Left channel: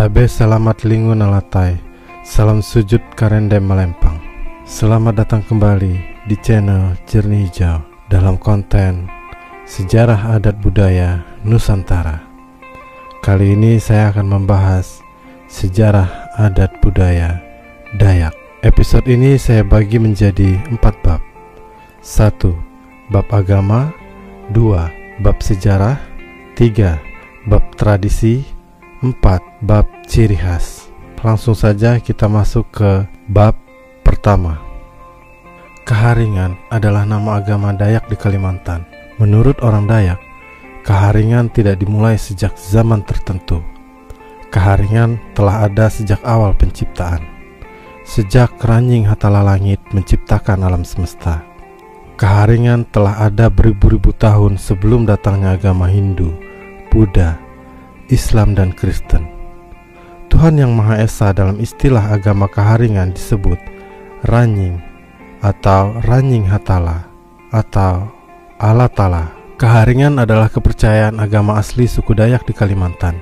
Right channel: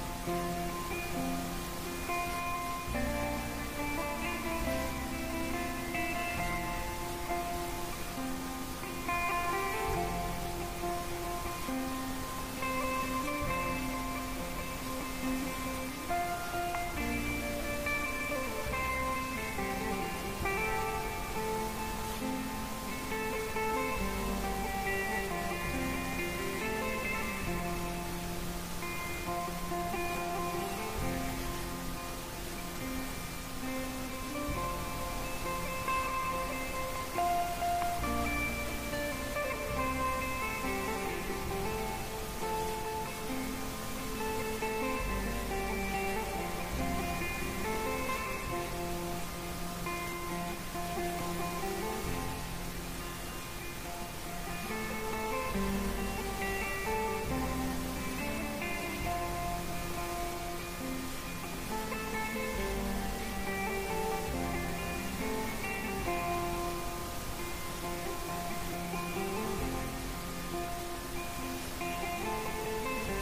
Tabe selamat lingu nalatai, salam sujud karende melempang. Selamat datang kembali di channel Jernih Hijau dalam konten Sejarah Adat Budaya Nusantara. Kali ini saya akan membahas sejarah adat budaya Dayak. Episode ini saya bagi menjadi 4 bab. 1. Bab agama. 2. Bab sejarah. 3. Bab tradisi. 4. Bab ciri khas. Langsung saja kita masuk ke bab pertama. Kaharingan adalah nama agama Dayak di Kalimantan. Menurut orang Dayak, Kaharingan tidak dimulai sejak zaman tertentu. Kaharingan telah ada sejak awal penciptaan. Sejak Ranying Hatala Langit menciptakan alam semesta. Kaharingan telah ada beribu-ribu tahun sebelum datangnya agama Hindu, Buddha, Islam dan Kristen. Tuhan Yang Maha Esa dalam istilah agama Kaharingan disebut Ranying atau Ranying Hatala atau Allah Ta'ala. Kaharingan adalah kepercayaan agama asli suku Dayak di Kalimantan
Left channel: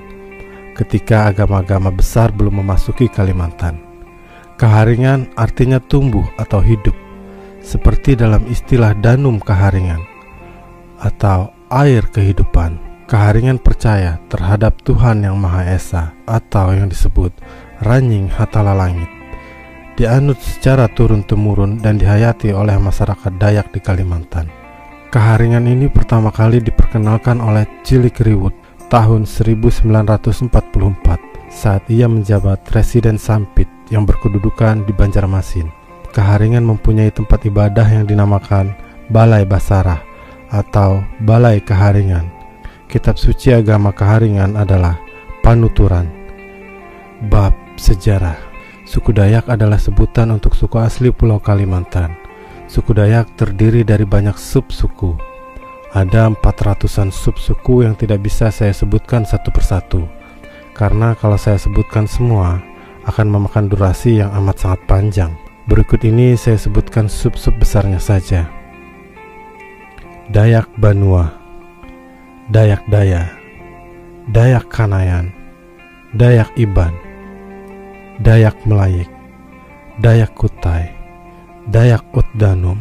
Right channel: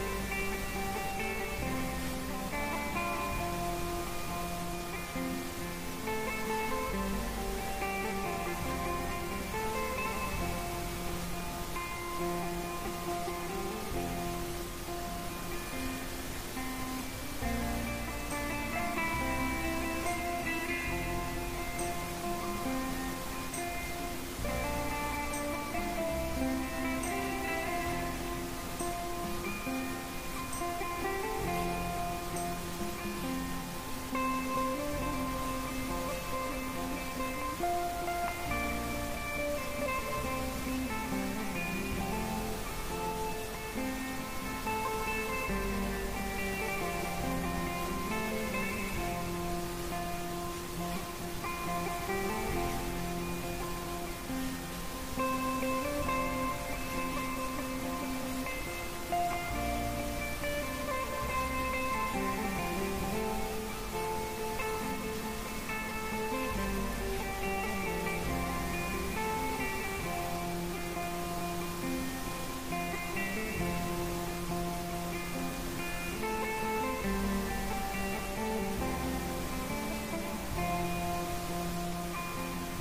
ketika agama-agama besar belum memasuki Kalimantan. Kaharingan artinya tumbuh atau hidup, seperti dalam istilah Danum Kaharingan atau air kehidupan. Kaharingan percaya terhadap Tuhan Yang Maha Esa atau yang disebut Ranying Hatala Langit, dianut secara turun-temurun dan dihayati oleh masyarakat Dayak di Kalimantan. Kaharingan ini pertama kali diperkenalkan oleh Cilik Riwut tahun 1944 saat ia menjabat Residen Sampit yang berkedudukan di Banjarmasin. Kaharingan mempunyai tempat ibadah yang dinamakan Balai Basarah atau Balai Kaharingan. Kitab suci agama Kaharingan adalah Panuturan. Bab sejarah. Suku Dayak adalah sebutan untuk suku asli Pulau Kalimantan. Suku Dayak terdiri dari banyak sub-suku. Ada 400-an sub-suku yang tidak bisa saya sebutkan satu persatu, karena kalau saya sebutkan semua akan memakan durasi yang amat sangat panjang. Berikut ini saya sebutkan sub-sub besarnya saja. Dayak Banua, Dayak Daya, Dayak Kanayan, Dayak Iban, Dayak Melayik, Dayak Kutai, Dayak Utdanum,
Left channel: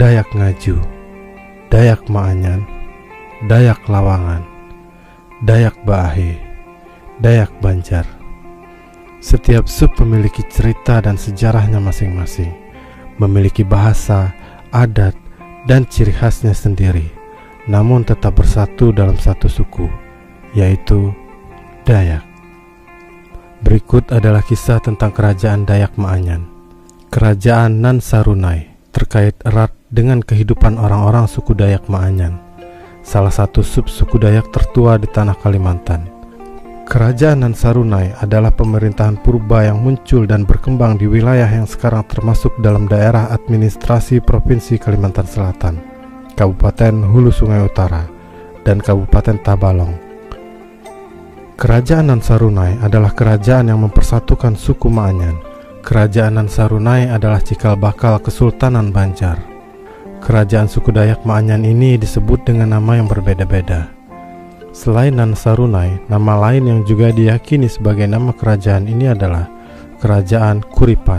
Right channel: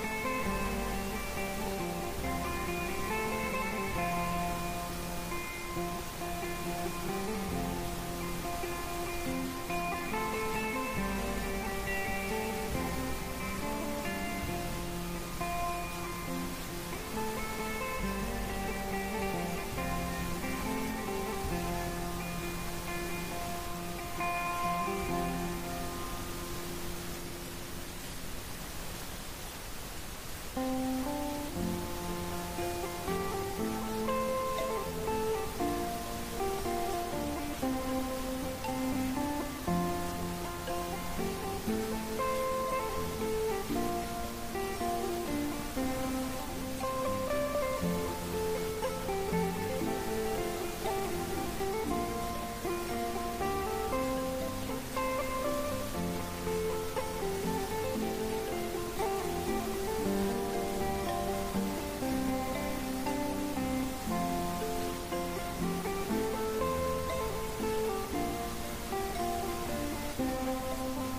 Dayak Ngaju, Dayak Maanyan, Dayak Lawangan, Dayak Baahe, Dayak Banjar. Setiap sub memiliki cerita dan sejarahnya masing-masing, memiliki bahasa, adat, dan ciri khasnya sendiri, namun tetap bersatu dalam satu suku, yaitu Dayak. Berikut adalah kisah tentang kerajaan Dayak Maanyan. Kerajaan Nan Sarunai terkait erat dengan kehidupan orang-orang suku Dayak Maanyan, salah satu sub suku Dayak tertua di tanah Kalimantan. Kerajaan Nan Sarunai adalah pemerintahan purba yang muncul dan berkembang di wilayah yang sekarang termasuk dalam daerah administrasi Provinsi Kalimantan Selatan, Kabupaten Hulu Sungai Utara, dan Kabupaten Tabalong. Kerajaan Nan Sarunai adalah kerajaan yang mempersatukan suku Maanyan. Kerajaan Nan Sarunai adalah cikal bakal Kesultanan Banjar. Kerajaan suku Dayak Maanyan ini disebut dengan nama yang berbeda-beda. Selain Nan Sarunai, nama lain yang juga diyakini sebagai nama kerajaan ini adalah Kerajaan Kuripan.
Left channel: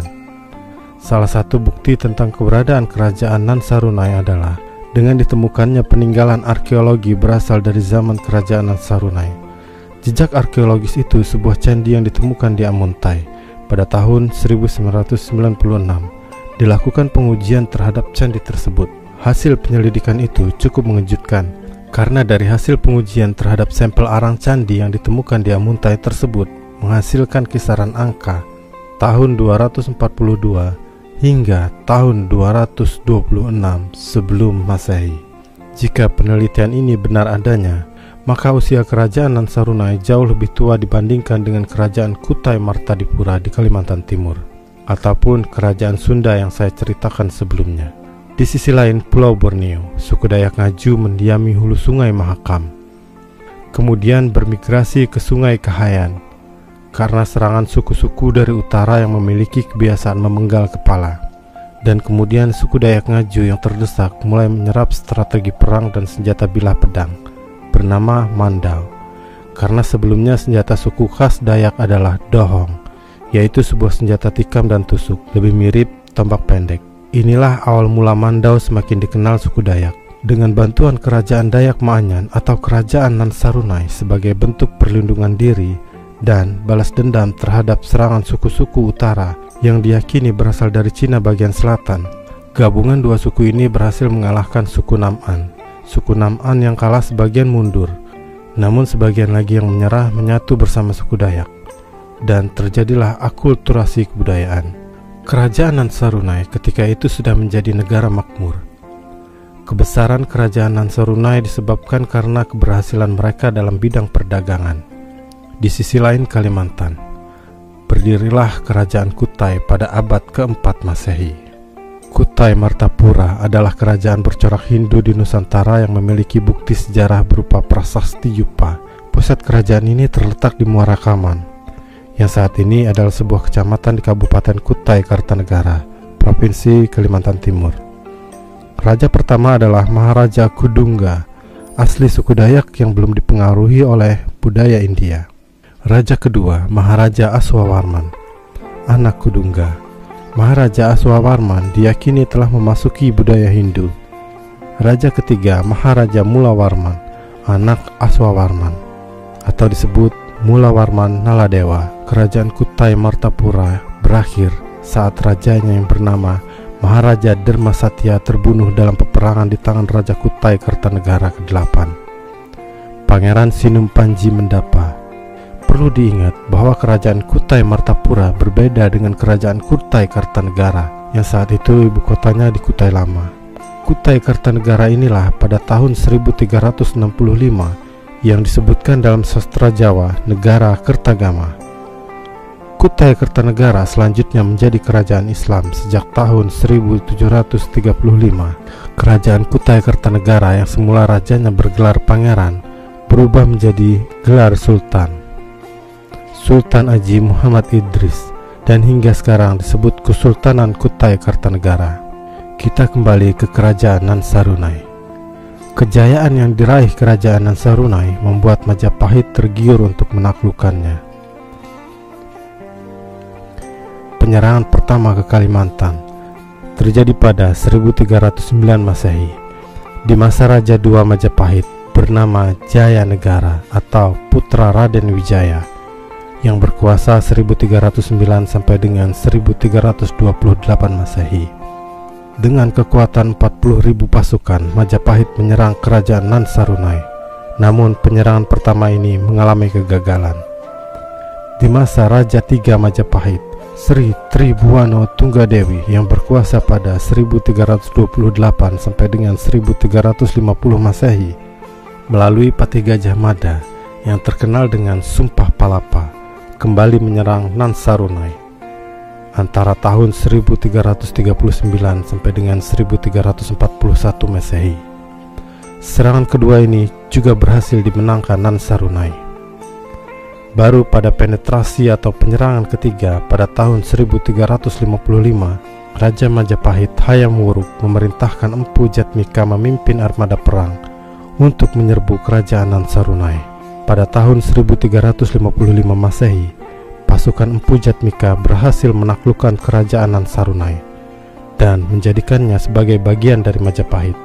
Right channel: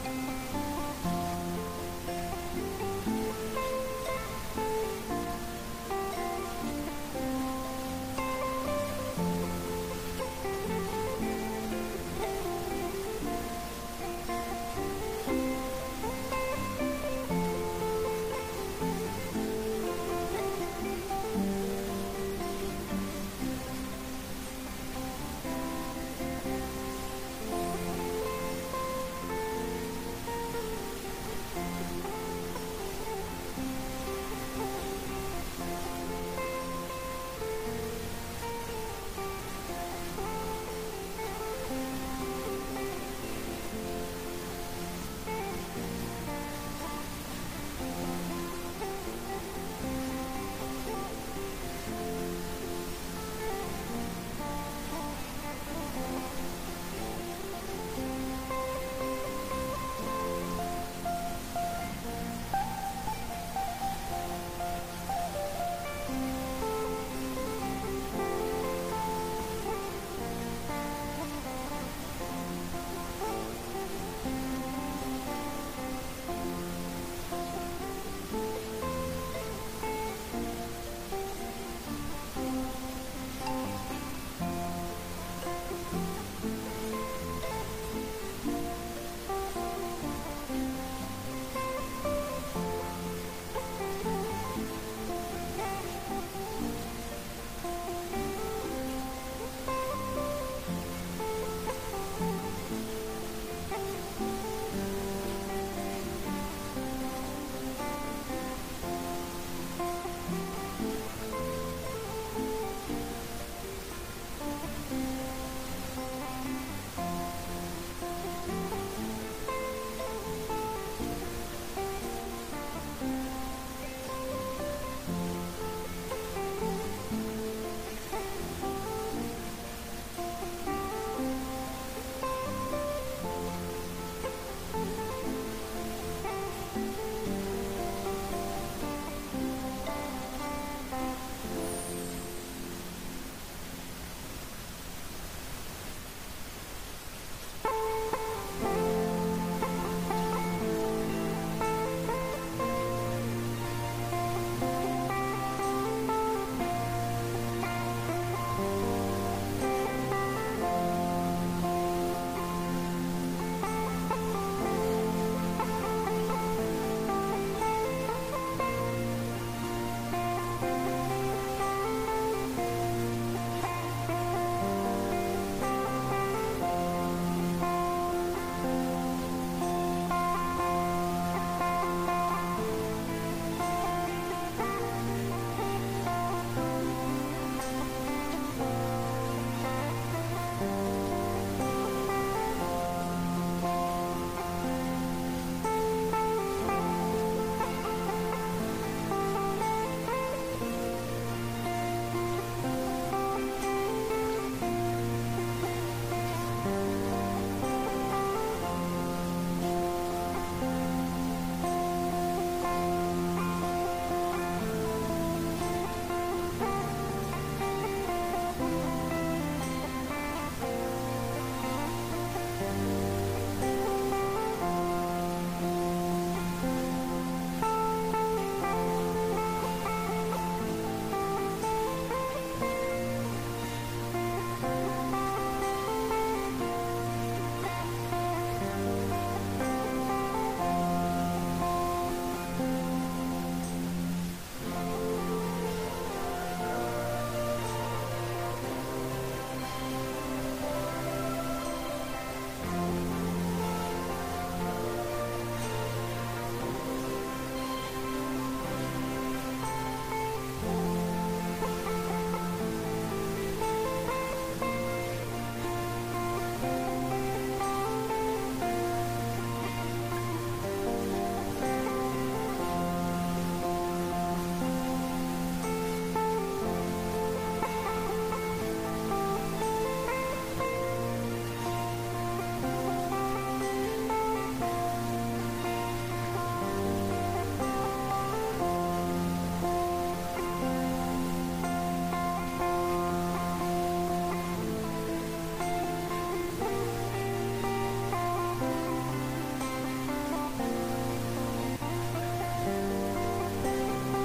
Salah satu bukti tentang keberadaan kerajaan Nan Sarunai adalah dengan ditemukannya peninggalan arkeologi berasal dari zaman kerajaan Nan Sarunai. Jejak arkeologis itu sebuah candi yang ditemukan di Amuntai pada tahun 1996. Dilakukan pengujian terhadap candi tersebut. Hasil penyelidikan itu cukup mengejutkan, karena dari hasil pengujian terhadap sampel arang candi yang ditemukan di Amuntai tersebut menghasilkan kisaran angka tahun 242 hingga tahun 226 sebelum Masehi. Jika penelitian ini benar adanya, maka usia kerajaan Nan Sarunai jauh lebih tua dibandingkan dengan kerajaan Kutai Martadipura di Kalimantan Timur, ataupun kerajaan Sunda yang saya ceritakan sebelumnya. Di sisi lain, Pulau Borneo, suku Dayak Ngaju mendiami hulu sungai Mahakam, kemudian bermigrasi ke sungai Kahayan karena serangan suku-suku dari utara yang memiliki kebiasaan memenggal kepala. Dan kemudian suku Dayak Ngaju yang terdesak mulai menyerap strategi perang dan senjata bilah pedang bernama Mandal. karena sebelumnya senjata suku khas Dayak adalah dohong, yaitu sebuah senjata tikam dan tusuk, lebih mirip tombak pendek. Inilah awal mula Mandau semakin dikenal suku Dayak. Dengan bantuan kerajaan Dayak Ma'anyan atau kerajaan Nan Sarunai sebagai bentuk perlindungan diri dan balas dendam terhadap serangan suku-suku utara yang diyakini berasal dari Cina bagian selatan, gabungan dua suku ini berhasil mengalahkan suku Nam'an. Suku Nam'an yang kalah sebagian mundur, namun sebagian lagi yang menyerah menyatu bersama suku Dayak, dan terjadilah akulturasi kebudayaan. Kerajaan Nan Sarunai ketika itu sudah menjadi negara makmur. Kebesaran kerajaan Nan Sarunai disebabkan karena keberhasilan mereka dalam bidang perdagangan. Di sisi lain Kalimantan, berdirilah kerajaan Kutai pada abad keempat Masehi. Kutai Martapura adalah kerajaan bercorak Hindu di Nusantara yang memiliki bukti sejarah berupa prasasti Yupa. Pusat kerajaan ini terletak di Muara Kaman, yang saat ini adalah sebuah kecamatan di Kabupaten Kutai Kartanegara, Provinsi Kalimantan Timur. Raja pertama adalah Maharaja Kudungga, asli suku Dayak yang belum dipengaruhi oleh budaya India. Raja kedua, Maharaja Aswawarman, anak Kudungga. Maharaja Aswawarman diyakini telah memasuki budaya Hindu. Raja ketiga, Maharaja Mulawarman, anak Aswawarman, atau disebut Mulawarman Naladewa. Kerajaan Kutai Martapura berakhir saat rajanya yang bernama Maharaja Dermasatya terbunuh dalam peperangan di tangan Raja Kutai Kartanegara ke-8, Pangeran Sinum Panji Mendapa. Perlu diingat bahwa kerajaan Kutai Martapura berbeda dengan kerajaan Kutai Kartanegara yang saat itu ibu kotanya di Kutai Lama. Kutai Kartanegara inilah pada tahun 1365 yang disebutkan dalam sastra Jawa negara Kertagama. Kutai Kartanegara selanjutnya menjadi kerajaan Islam sejak tahun 1735. Kerajaan Kutai Kartanegara yang semula rajanya bergelar pangeran berubah menjadi gelar sultan, Sultan Aji Muhammad Idris, dan hingga sekarang disebut Kesultanan Kutai Kartanegara. Kita kembali ke kerajaan Nan Sarunai. Kejayaan yang diraih kerajaan Nan Sarunai membuat Majapahit tergiur untuk menaklukkannya. Penyerangan pertama ke Kalimantan terjadi pada 1309 Masehi di masa Raja II Majapahit bernama Jaya Negara atau putra Raden Wijaya yang berkuasa 1309 sampai dengan 1328 Masehi. Dengan kekuatan 40.000 pasukan, Majapahit menyerang kerajaan Nan Sarunai. Namun penyerangan pertama ini mengalami kegagalan. Di masa Raja III Majapahit, Sri Tribhuwana Tunggadewi yang berkuasa pada 1328 sampai dengan 1350 Masehi melalui Patih Gajah Mada yang terkenal dengan Sumpah Palapa kembali menyerang Nan Sarunai antara tahun 1339 sampai dengan 1341 Masehi. Serangan kedua ini juga berhasil dimenangkan Nan Sarunai. Baru pada penetrasi atau penyerangan ketiga pada tahun 1355, Raja Majapahit Hayam Wuruk memerintahkan Empu Jatmika memimpin armada perang untuk menyerbu kerajaan Nan Sarunai. Pada tahun 1355 Masehi, pasukan Empu Jatmika berhasil menaklukkan kerajaan Nan Sarunai dan menjadikannya sebagai bagian dari Majapahit.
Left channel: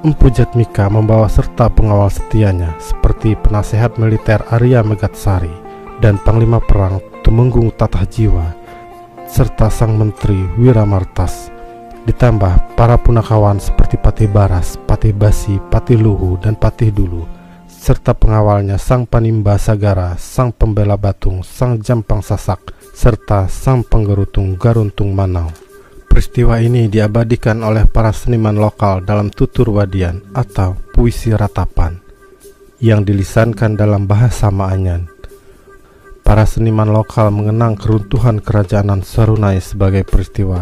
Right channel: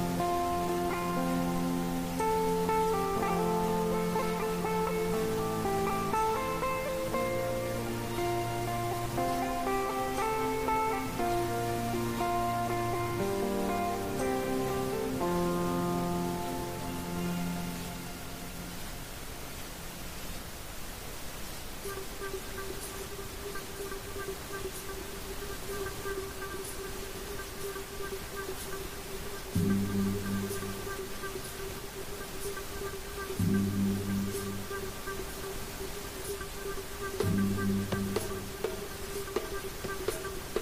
Empu Jatmika membawa serta pengawal setianya seperti penasehat militer Arya Megatsari dan panglima perang Tumenggung Tatahjiwa serta sang menteri Wiramartas, ditambah para punakawan seperti Patih Baras, Patih Basi, Patih Luhu, dan Patih Dulu, serta pengawalnya Sang Panimba Sagara, Sang Pembela Batung, Sang Jampang Sasak, serta Sang Penggerutung Garuntung Manau. Peristiwa ini diabadikan oleh para seniman lokal dalam tutur wadian atau puisi ratapan yang dilisankan dalam bahasa Ma'anyan. Para seniman lokal mengenang keruntuhan kerajaan Nan Sarunai sebagai peristiwa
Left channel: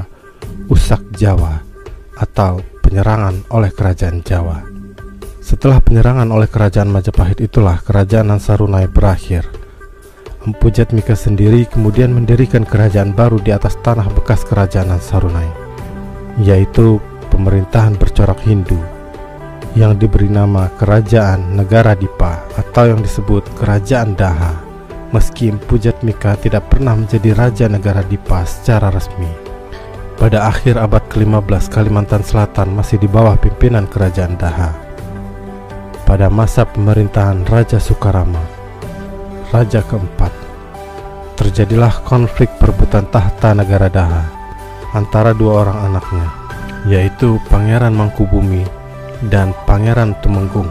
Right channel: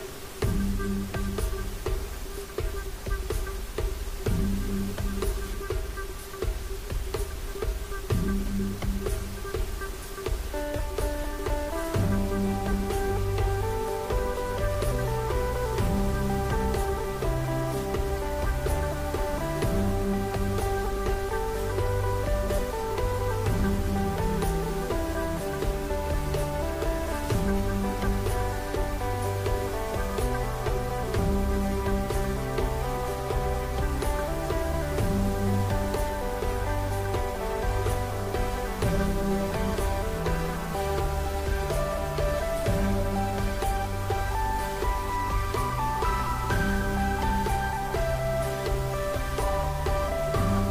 Usak Jawa atau penyerangan oleh kerajaan Jawa. Setelah penyerangan oleh kerajaan Majapahit itulah kerajaan Nan Sarunai berakhir. Empu Jatmika sendiri kemudian mendirikan kerajaan baru di atas tanah bekas kerajaan Nan Sarunai, yaitu pemerintahan bercorak Hindu. yang diberi nama Kerajaan Negara Dipa atau yang disebut Kerajaan Daha. Meski Empu Jatmika tidak pernah menjadi Raja Negara Dipa secara resmi. Pada akhir abad ke-15 Kalimantan Selatan masih di bawah pimpinan Kerajaan Daha. Pada masa pemerintahan Raja Sukarama, Raja keempat, terjadilah konflik perebutan tahta negara Daha antara dua orang anaknya, yaitu Pangeran Mangkubumi dan Pangeran Tumenggung.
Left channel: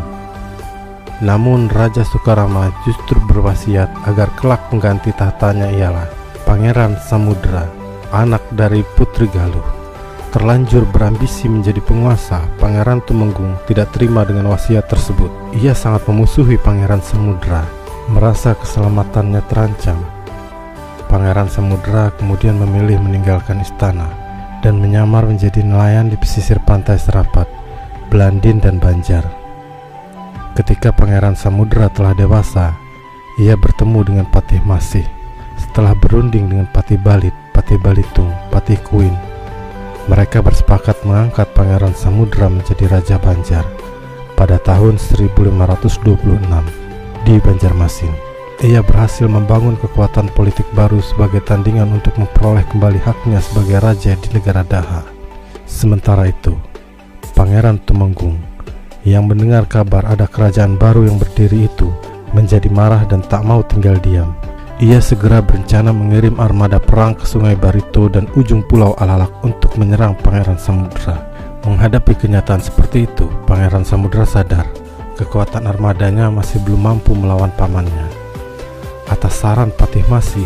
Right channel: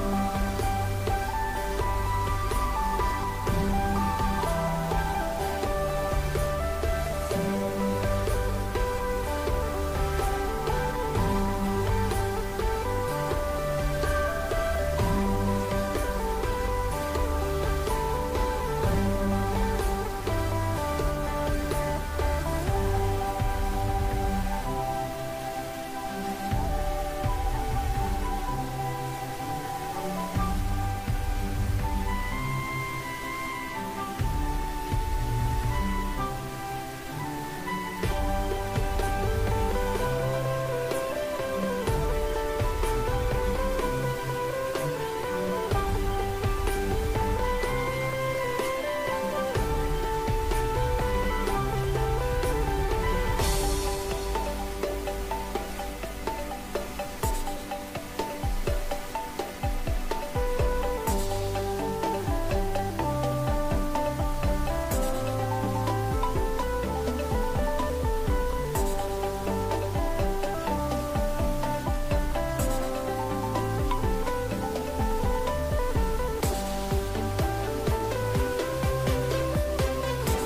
Namun Raja Sukarama justru berwasiat agar kelak pengganti tahtanya ialah Pangeran Samudra, anak dari Putri Galuh. Terlanjur berambisi menjadi penguasa, Pangeran Tumenggung tidak terima dengan wasiat tersebut. Ia sangat memusuhi Pangeran Samudra, merasa keselamatannya terancam. Pangeran Samudra kemudian memilih meninggalkan istana dan menyamar menjadi nelayan di pesisir pantai Serapat, Belandin dan Banjar. Ketika Pangeran Samudra telah dewasa, ia bertemu dengan Patih Masih. Setelah berunding dengan Patih Balit, Patih Balitung, Patih Kuin, mereka bersepakat mengangkat Pangeran Samudra menjadi Raja Banjar pada tahun 1526 di Banjarmasin. Ia berhasil membangun kekuatan politik baru sebagai tandingan untuk memperoleh kembali haknya sebagai raja di negara Daha. Sementara itu, Pangeran Tumenggung yang mendengar kabar ada kerajaan baru yang berdiri itu menjadi marah dan tak mau tinggal diam. Ia segera berencana mengirim armada perang ke Sungai Barito dan ujung Pulau Alalak untuk menyerang Pangeran Samudra. Menghadapi kenyataan seperti itu, Pangeran Samudra sadar kekuatan armadanya masih belum mampu melawan pamannya. Atas saran Patih Masih,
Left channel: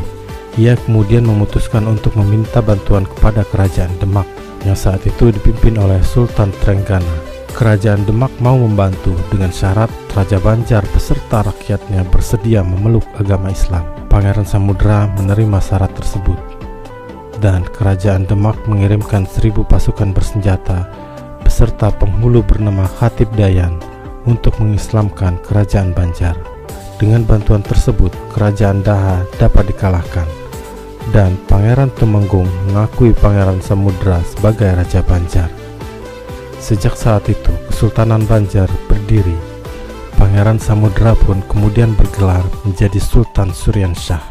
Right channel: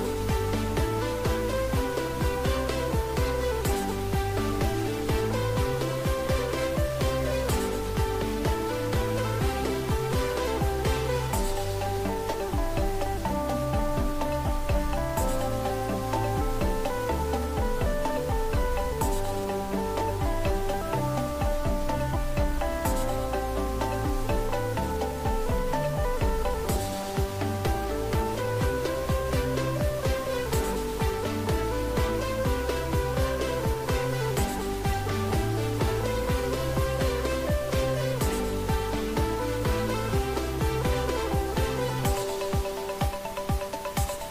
ia kemudian memutuskan untuk meminta bantuan kepada Kerajaan Demak yang saat itu dipimpin oleh Sultan Trenggana. Kerajaan Demak mau membantu dengan syarat Raja Banjar beserta rakyatnya bersedia memeluk agama Islam. Pangeran Samudra menerima syarat tersebut, dan Kerajaan Demak mengirimkan 1000 pasukan bersenjata beserta penghulu bernama Khatib Dayan untuk mengislamkan Kerajaan Banjar. Dengan bantuan tersebut, Kerajaan Daha dapat dikalahkan, dan Pangeran Tumenggung mengakui Pangeran Samudra sebagai Raja Banjar. Sejak saat itu, Kesultanan Banjar berdiri. Pangeran Samudra pun kemudian bergelar menjadi Sultan Suryan Shah.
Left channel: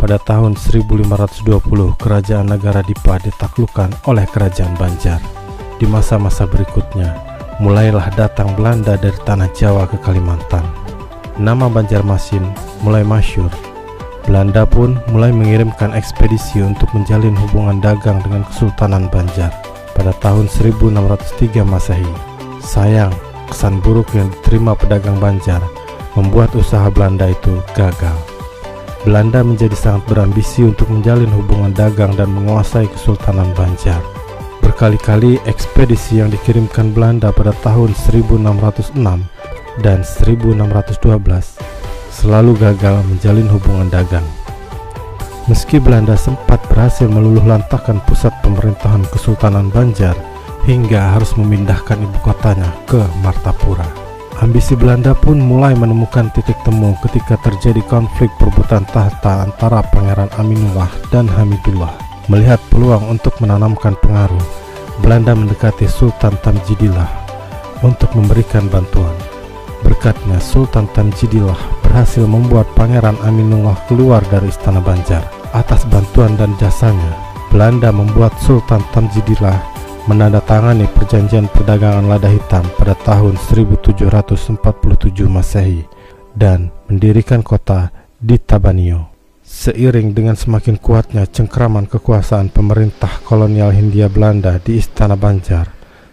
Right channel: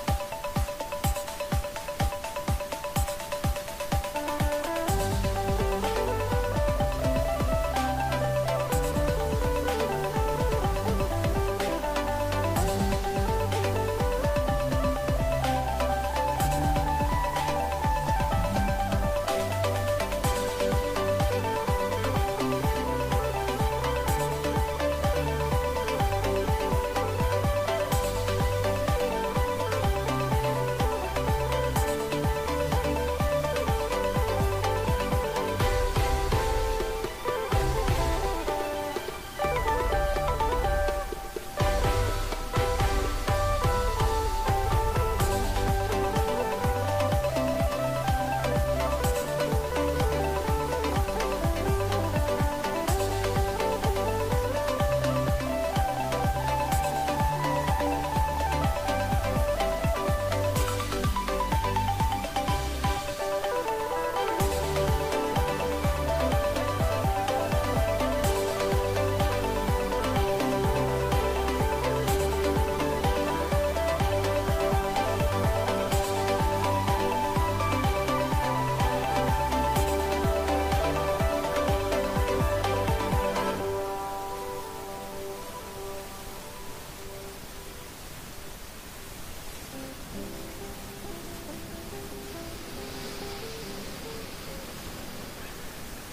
Pada tahun 1520, Kerajaan Negara Dipa ditaklukkan oleh Kerajaan Banjar. Di masa-masa berikutnya, mulailah datang Belanda dari tanah Jawa ke Kalimantan. Nama Banjarmasin mulai masyhur. Belanda pun mulai mengirimkan ekspedisi untuk menjalin hubungan dagang dengan Kesultanan Banjar. Pada tahun 1603 Masehi, sayang kesan buruk yang diterima pedagang Banjar membuat usaha Belanda itu gagal. Belanda menjadi sangat berambisi untuk menjalin hubungan dagang dan menguasai Kesultanan Banjar. Berkali-kali ekspedisi yang dikirimkan Belanda pada tahun 1606 dan 1612 selalu gagal menjalin hubungan dagang. Meski Belanda sempat berhasil meluluhlantahkan pusat pemerintahan Kesultanan Banjar hingga harus memindahkan ibu kotanya ke Martapura, ambisi Belanda pun mulai menemukan titik temu ketika terjadi konflik perebutan tahta antara Pangeran Aminullah dan Hamidullah. Melihat peluang untuk menanamkan pengaruh, Belanda mendekati Sultan Tamjidillah untuk memberikan bantuan. Berkatnya, Sultan Tamjidillah berhasil membuat Pangeran Aminullah keluar dari istana Banjar. Atas bantuan dan jasanya, Belanda membuat Sultan Tamjidillah menandatangani perjanjian perdagangan lada hitam pada tahun 1747 Masehi dan mendirikan kota di Tabanio. Seiring dengan semakin kuatnya cengkraman kekuasaan pemerintah kolonial Hindia Belanda di istana Banjar,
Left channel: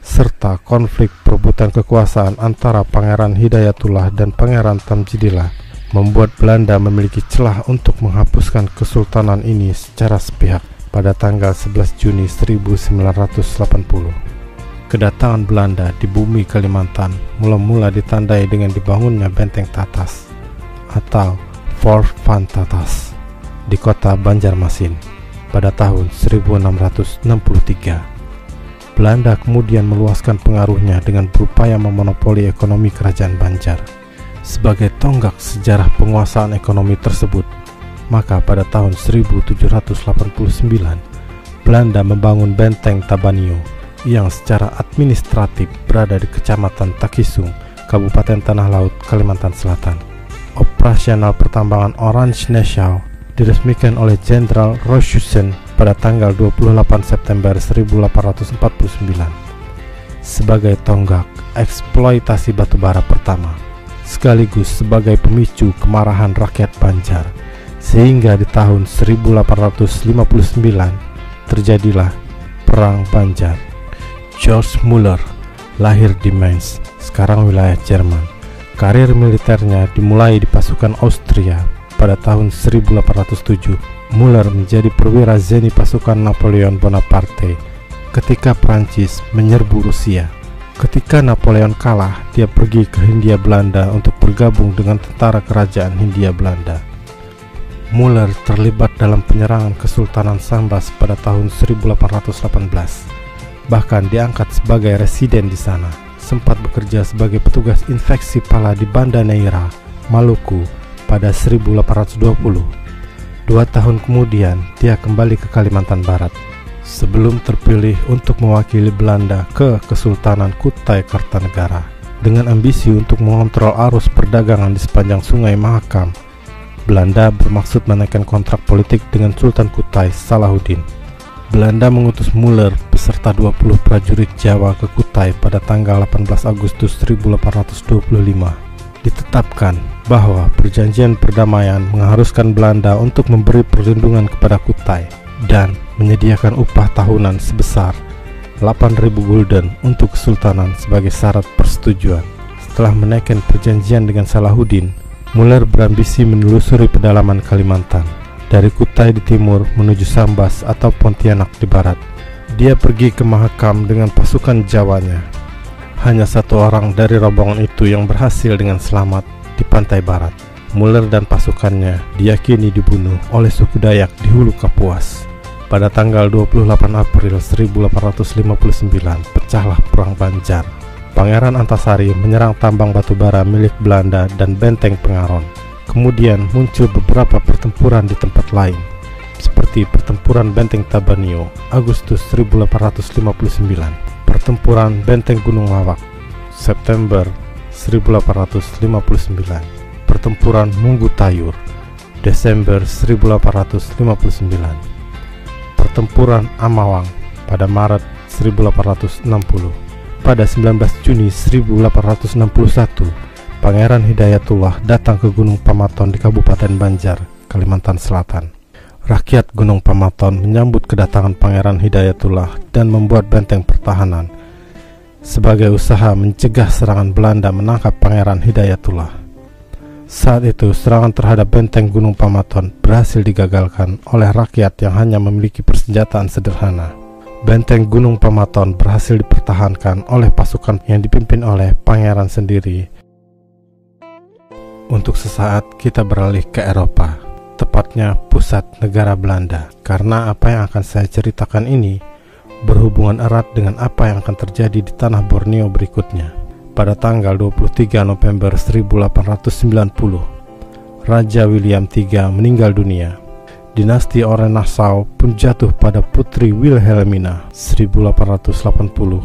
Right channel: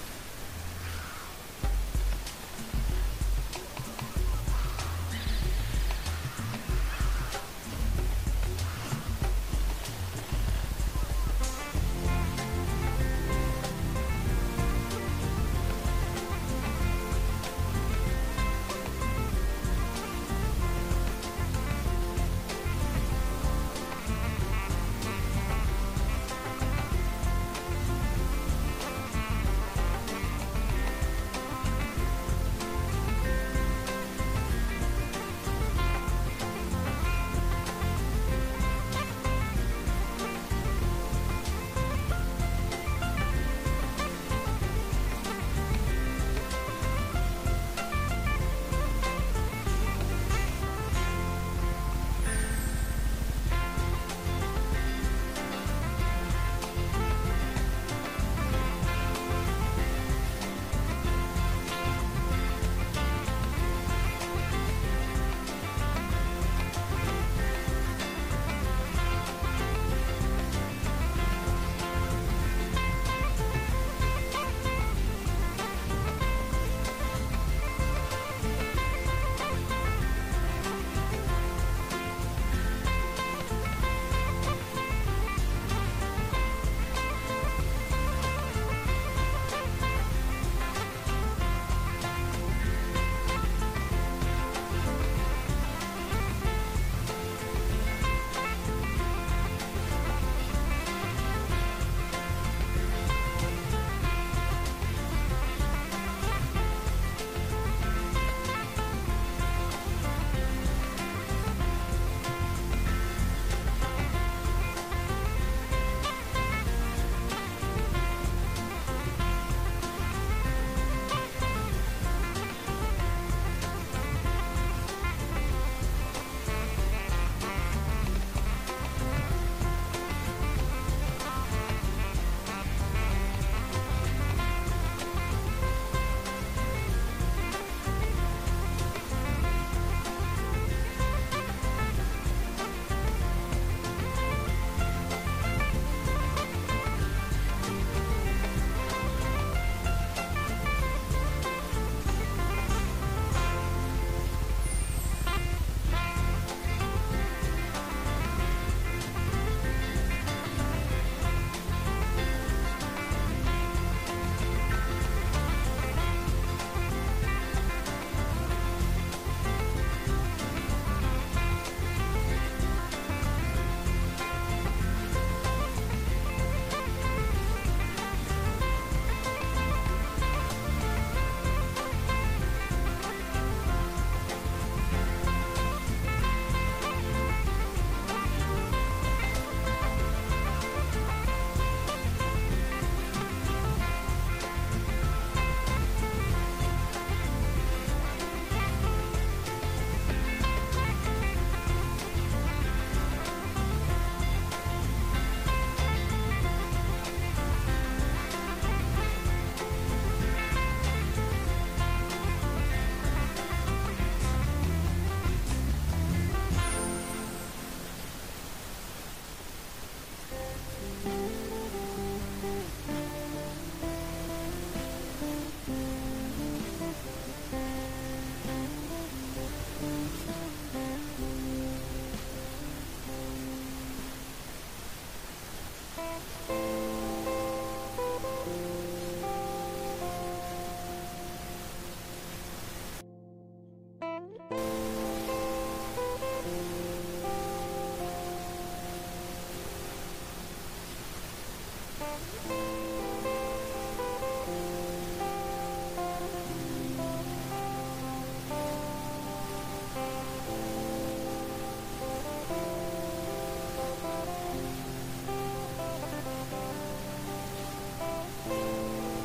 serta konflik perebutan kekuasaan antara Pangeran Hidayatullah dan Pangeran Tamjidillah, membuat Belanda memiliki celah untuk menghapuskan kesultanan ini secara sepihak pada tanggal 11 Juni 1980. Kedatangan Belanda di bumi Kalimantan mula-mula ditandai dengan dibangunnya Benteng Tatas atau Fort Van Tatas di kota Banjarmasin pada tahun 1663. Belanda kemudian meluaskan pengaruhnya dengan berupaya memonopoli ekonomi kerajaan Banjar. Sebagai tonggak sejarah penguasaan ekonomi tersebut, maka pada tahun 1789 Belanda membangun Benteng Tabanio yang secara administratif berada di Kecamatan Takisung, Kabupaten Tanah Laut, Kalimantan Selatan. Operasional pertambangan Orange Nassau diresmikan oleh Jenderal Rochussen pada tanggal 28 September 1849 sebagai tonggak eksploitasi batubara pertama, sekaligus sebagai pemicu kemarahan rakyat Banjar, sehingga di tahun 1859 terjadilah Perang Banjar. George Muller lahir di Mainz, sekarang wilayah Jerman. Karir militernya dimulai di pasukan Austria. Pada tahun 1807, Muller menjadi perwira zeni pasukan Napoleon Bonaparte ketika Prancis menyerbu Rusia. Ketika Napoleon kalah, dia pergi ke Hindia Belanda untuk bergabung dengan tentara kerajaan Hindia Belanda. Muller terlibat dalam penyerangan Kesultanan Sambas pada tahun 1818. Bahkan diangkat sebagai residen di sana. Sempat bekerja sebagai petugas infeksi pala di Banda Neira, Maluku pada 1820. 2 tahun kemudian, dia kembali ke Kalimantan Barat sebelum terpilih untuk mewakili Belanda ke Kesultanan Kutai Kartanegara dengan ambisi untuk mengontrol arus perdagangan di sepanjang Sungai Mahakam. Belanda bermaksud menaikkan kontrak politik dengan Sultan Kutai Salahuddin. Belanda mengutus Muller beserta 20 prajurit Jawa ke Kutai pada tanggal 18 Agustus 1825. Ditetapkan bahwa perjanjian perdamaian mengharuskan Belanda untuk memberi perlindungan kepada Kutai dan menyediakan upah tahunan sebesar 8.000 gulden untuk kesultanan sebagai syarat persetujuan. Setelah menaikkan perjanjian dengan Salahuddin, Muller berambisi menelusuri pedalaman Kalimantan dari Kutai di timur menuju Sambas atau Pontianak di barat. Dia pergi ke Mahakam dengan pasukan Jawanya. Hanya 1 orang dari rombongan itu yang berhasil dengan selamat di pantai barat. Muller dan pasukannya diyakini dibunuh oleh suku Dayak di Hulu Kapuas. Pada tanggal 28 April 1859 pecahlah Perang Banjar. Pangeran Antasari menyerang tambang batubara milik Belanda dan benteng Pengaron. Kemudian muncul beberapa pertempuran di tempat lain, seperti pertempuran Benteng Tabanio Agustus 1859, pertempuran Benteng Gunung Lawak September 1859, pertempuran Munggu Tayur Desember 1859, pertempuran Amawang pada Maret 1860. Pada 19 Juni 1861, Pangeran Hidayatullah datang ke Gunung Pamaton di Kabupaten Banjar, Kalimantan Selatan. Rakyat Gunung Pamaton menyambut kedatangan Pangeran Hidayatullah dan membuat benteng pertahanan sebagai usaha mencegah serangan Belanda menangkap Pangeran Hidayatullah. Saat itu, serangan terhadap benteng Gunung Pamaton berhasil digagalkan oleh rakyat yang hanya memiliki persenjataan sederhana. Benteng Gunung Pamaton berhasil dipertahankan oleh pasukan yang dipimpin oleh pangeran sendiri. Untuk sesaat kita beralih ke Eropa, tepatnya pusat negara Belanda, karena apa yang akan saya ceritakan ini berhubungan erat dengan apa yang akan terjadi di tanah Borneo berikutnya. Pada tanggal 23 November 1890, Raja William III meninggal dunia. Dinasti Orange Nassau pun jatuh pada Putri Wilhelmina 1880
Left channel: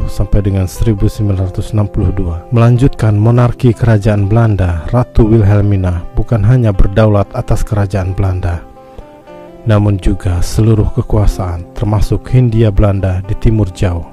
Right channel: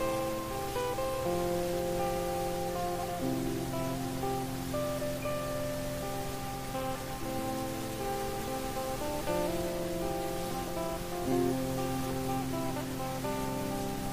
sampai dengan 1962. Melanjutkan monarki kerajaan Belanda, Ratu Wilhelmina bukan hanya berdaulat atas kerajaan Belanda, namun juga seluruh kekuasaan termasuk Hindia Belanda di timur jauh.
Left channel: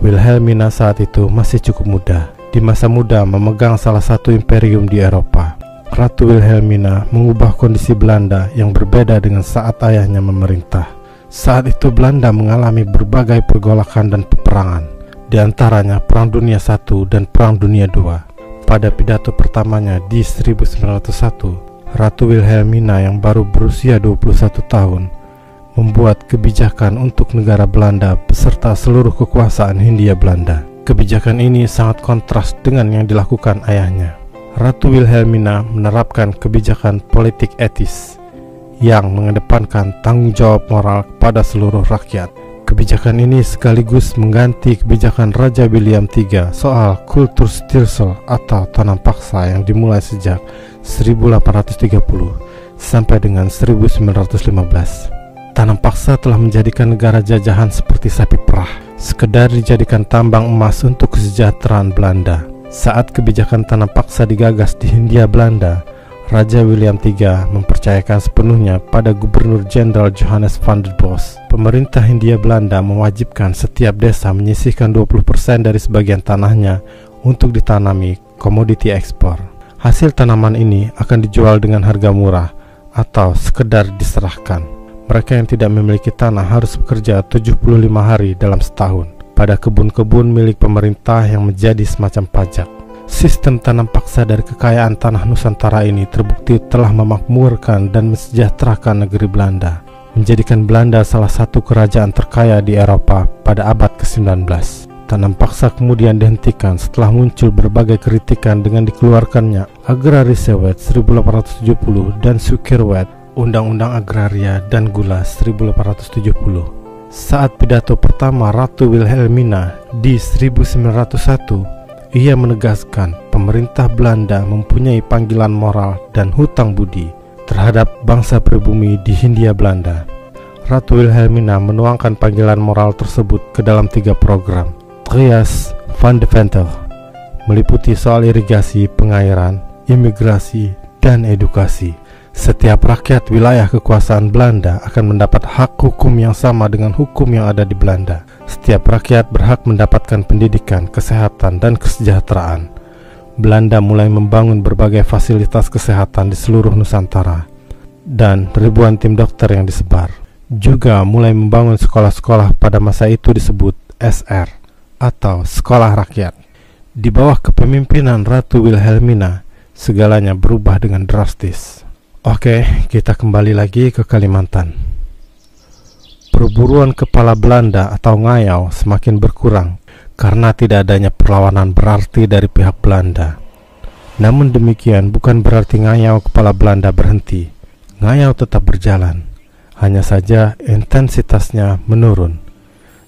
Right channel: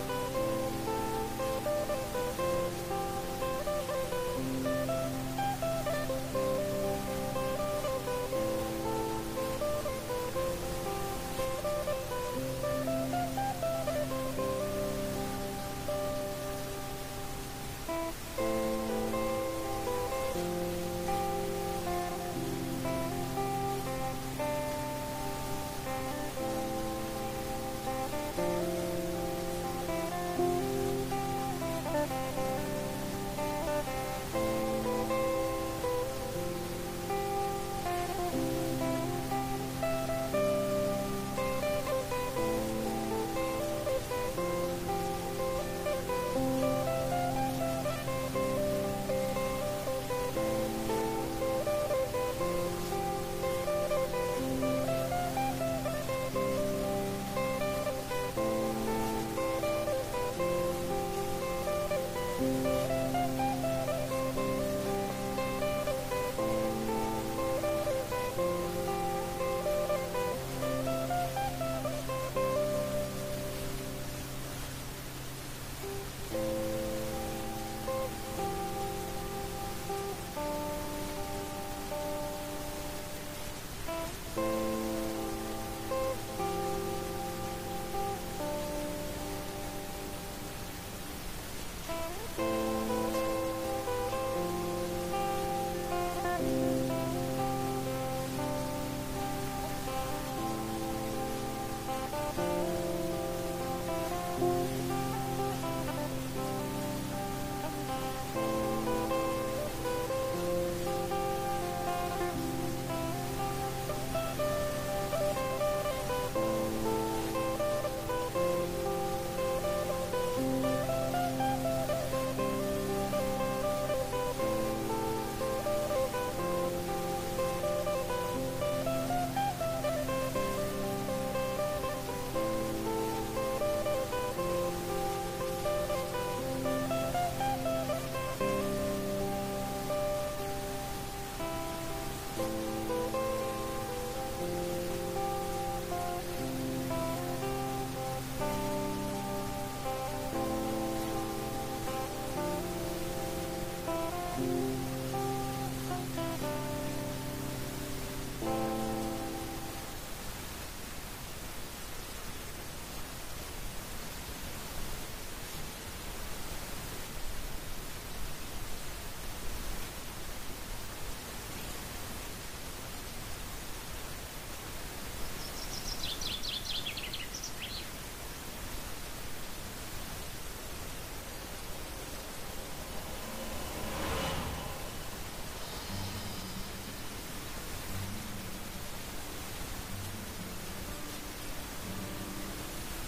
Wilhelmina saat itu masih cukup muda. Di masa muda memegang salah satu imperium di Eropa. Ratu Wilhelmina mengubah kondisi Belanda yang berbeda dengan saat ayahnya memerintah. Saat itu Belanda mengalami berbagai pergolakan dan peperangan, di antaranya Perang Dunia I dan Perang Dunia II. Pada pidato pertamanya di 1901, Ratu Wilhelmina yang baru berusia 21 tahun membuat kebijakan untuk negara Belanda beserta seluruh kekuasaan Hindia Belanda. Kebijakan ini sangat kontras dengan yang dilakukan ayahnya. Ratu Wilhelmina menerapkan kebijakan politik etis yang mengedepankan tanggung jawab moral kepada seluruh rakyat. Kebijakan ini sekaligus mengganti kebijakan Raja William III soal Kulturstelsel atau tanam paksa yang dimulai sejak 1830 sampai dengan 1915. Tanam paksa telah menjadikan negara jajahan seperti sapi perah. sekedar dijadikan tambang emas untuk kesejahteraan Belanda. Saat kebijakan tanam paksa digagas di Hindia Belanda, Raja William III mempercayakan sepenuhnya pada Gubernur Jenderal Johannes van der Bos. Pemerintah Hindia Belanda mewajibkan setiap desa menyisihkan 20% dari sebagian tanahnya untuk ditanami komoditi ekspor. Hasil tanaman ini akan dijual dengan harga murah atau sekedar diserahkan. Mereka yang tidak memiliki tanah harus bekerja 75 hari dalam setahun pada kebun-kebun milik pemerintah yang menjadi semacam pajak. Sistem tanam paksa dari kekayaan tanah Nusantara ini terbukti telah memakmurkan dan mensejahterakan negeri Belanda, menjadikan Belanda salah satu kerajaan terkaya di Eropa pada abad ke-19. Tanam paksa kemudian dihentikan setelah muncul berbagai kritikan dengan dikeluarkannya Agrarisewet 1870 dan Sukerwet, Undang-Undang Agraria dan Gula 1870. Saat pidato pertama Ratu Wilhelmina di 1901, ia menegaskan pemerintah Belanda mempunyai panggilan moral dan hutang budi terhadap bangsa pribumi di Hindia Belanda. Ratu Wilhelmina menuangkan panggilan moral tersebut ke dalam 3 program. Trias van de Ventel meliputi soal irigasi, pengairan, imigrasi, dan edukasi. Setiap rakyat wilayah kekuasaan Belanda akan mendapat hak hukum yang sama dengan hukum yang ada di Belanda. Setiap rakyat berhak mendapatkan pendidikan, kesehatan, dan kesejahteraan. Belanda mulai membangun berbagai fasilitas kesehatan di seluruh Nusantara, dan ribuan tim dokter yang disebar. Juga mulai membangun sekolah-sekolah pada masa itu disebut SR, atau Sekolah Rakyat. Di bawah kepemimpinan Ratu Wilhelmina, segalanya berubah dengan drastis. Oke, kita kembali lagi ke Kalimantan. Perburuan kepala Belanda atau ngayau semakin berkurang karena tidak adanya perlawanan berarti dari pihak Belanda. Namun demikian bukan berarti ngayau kepala Belanda berhenti. Ngayau tetap berjalan, hanya saja intensitasnya menurun.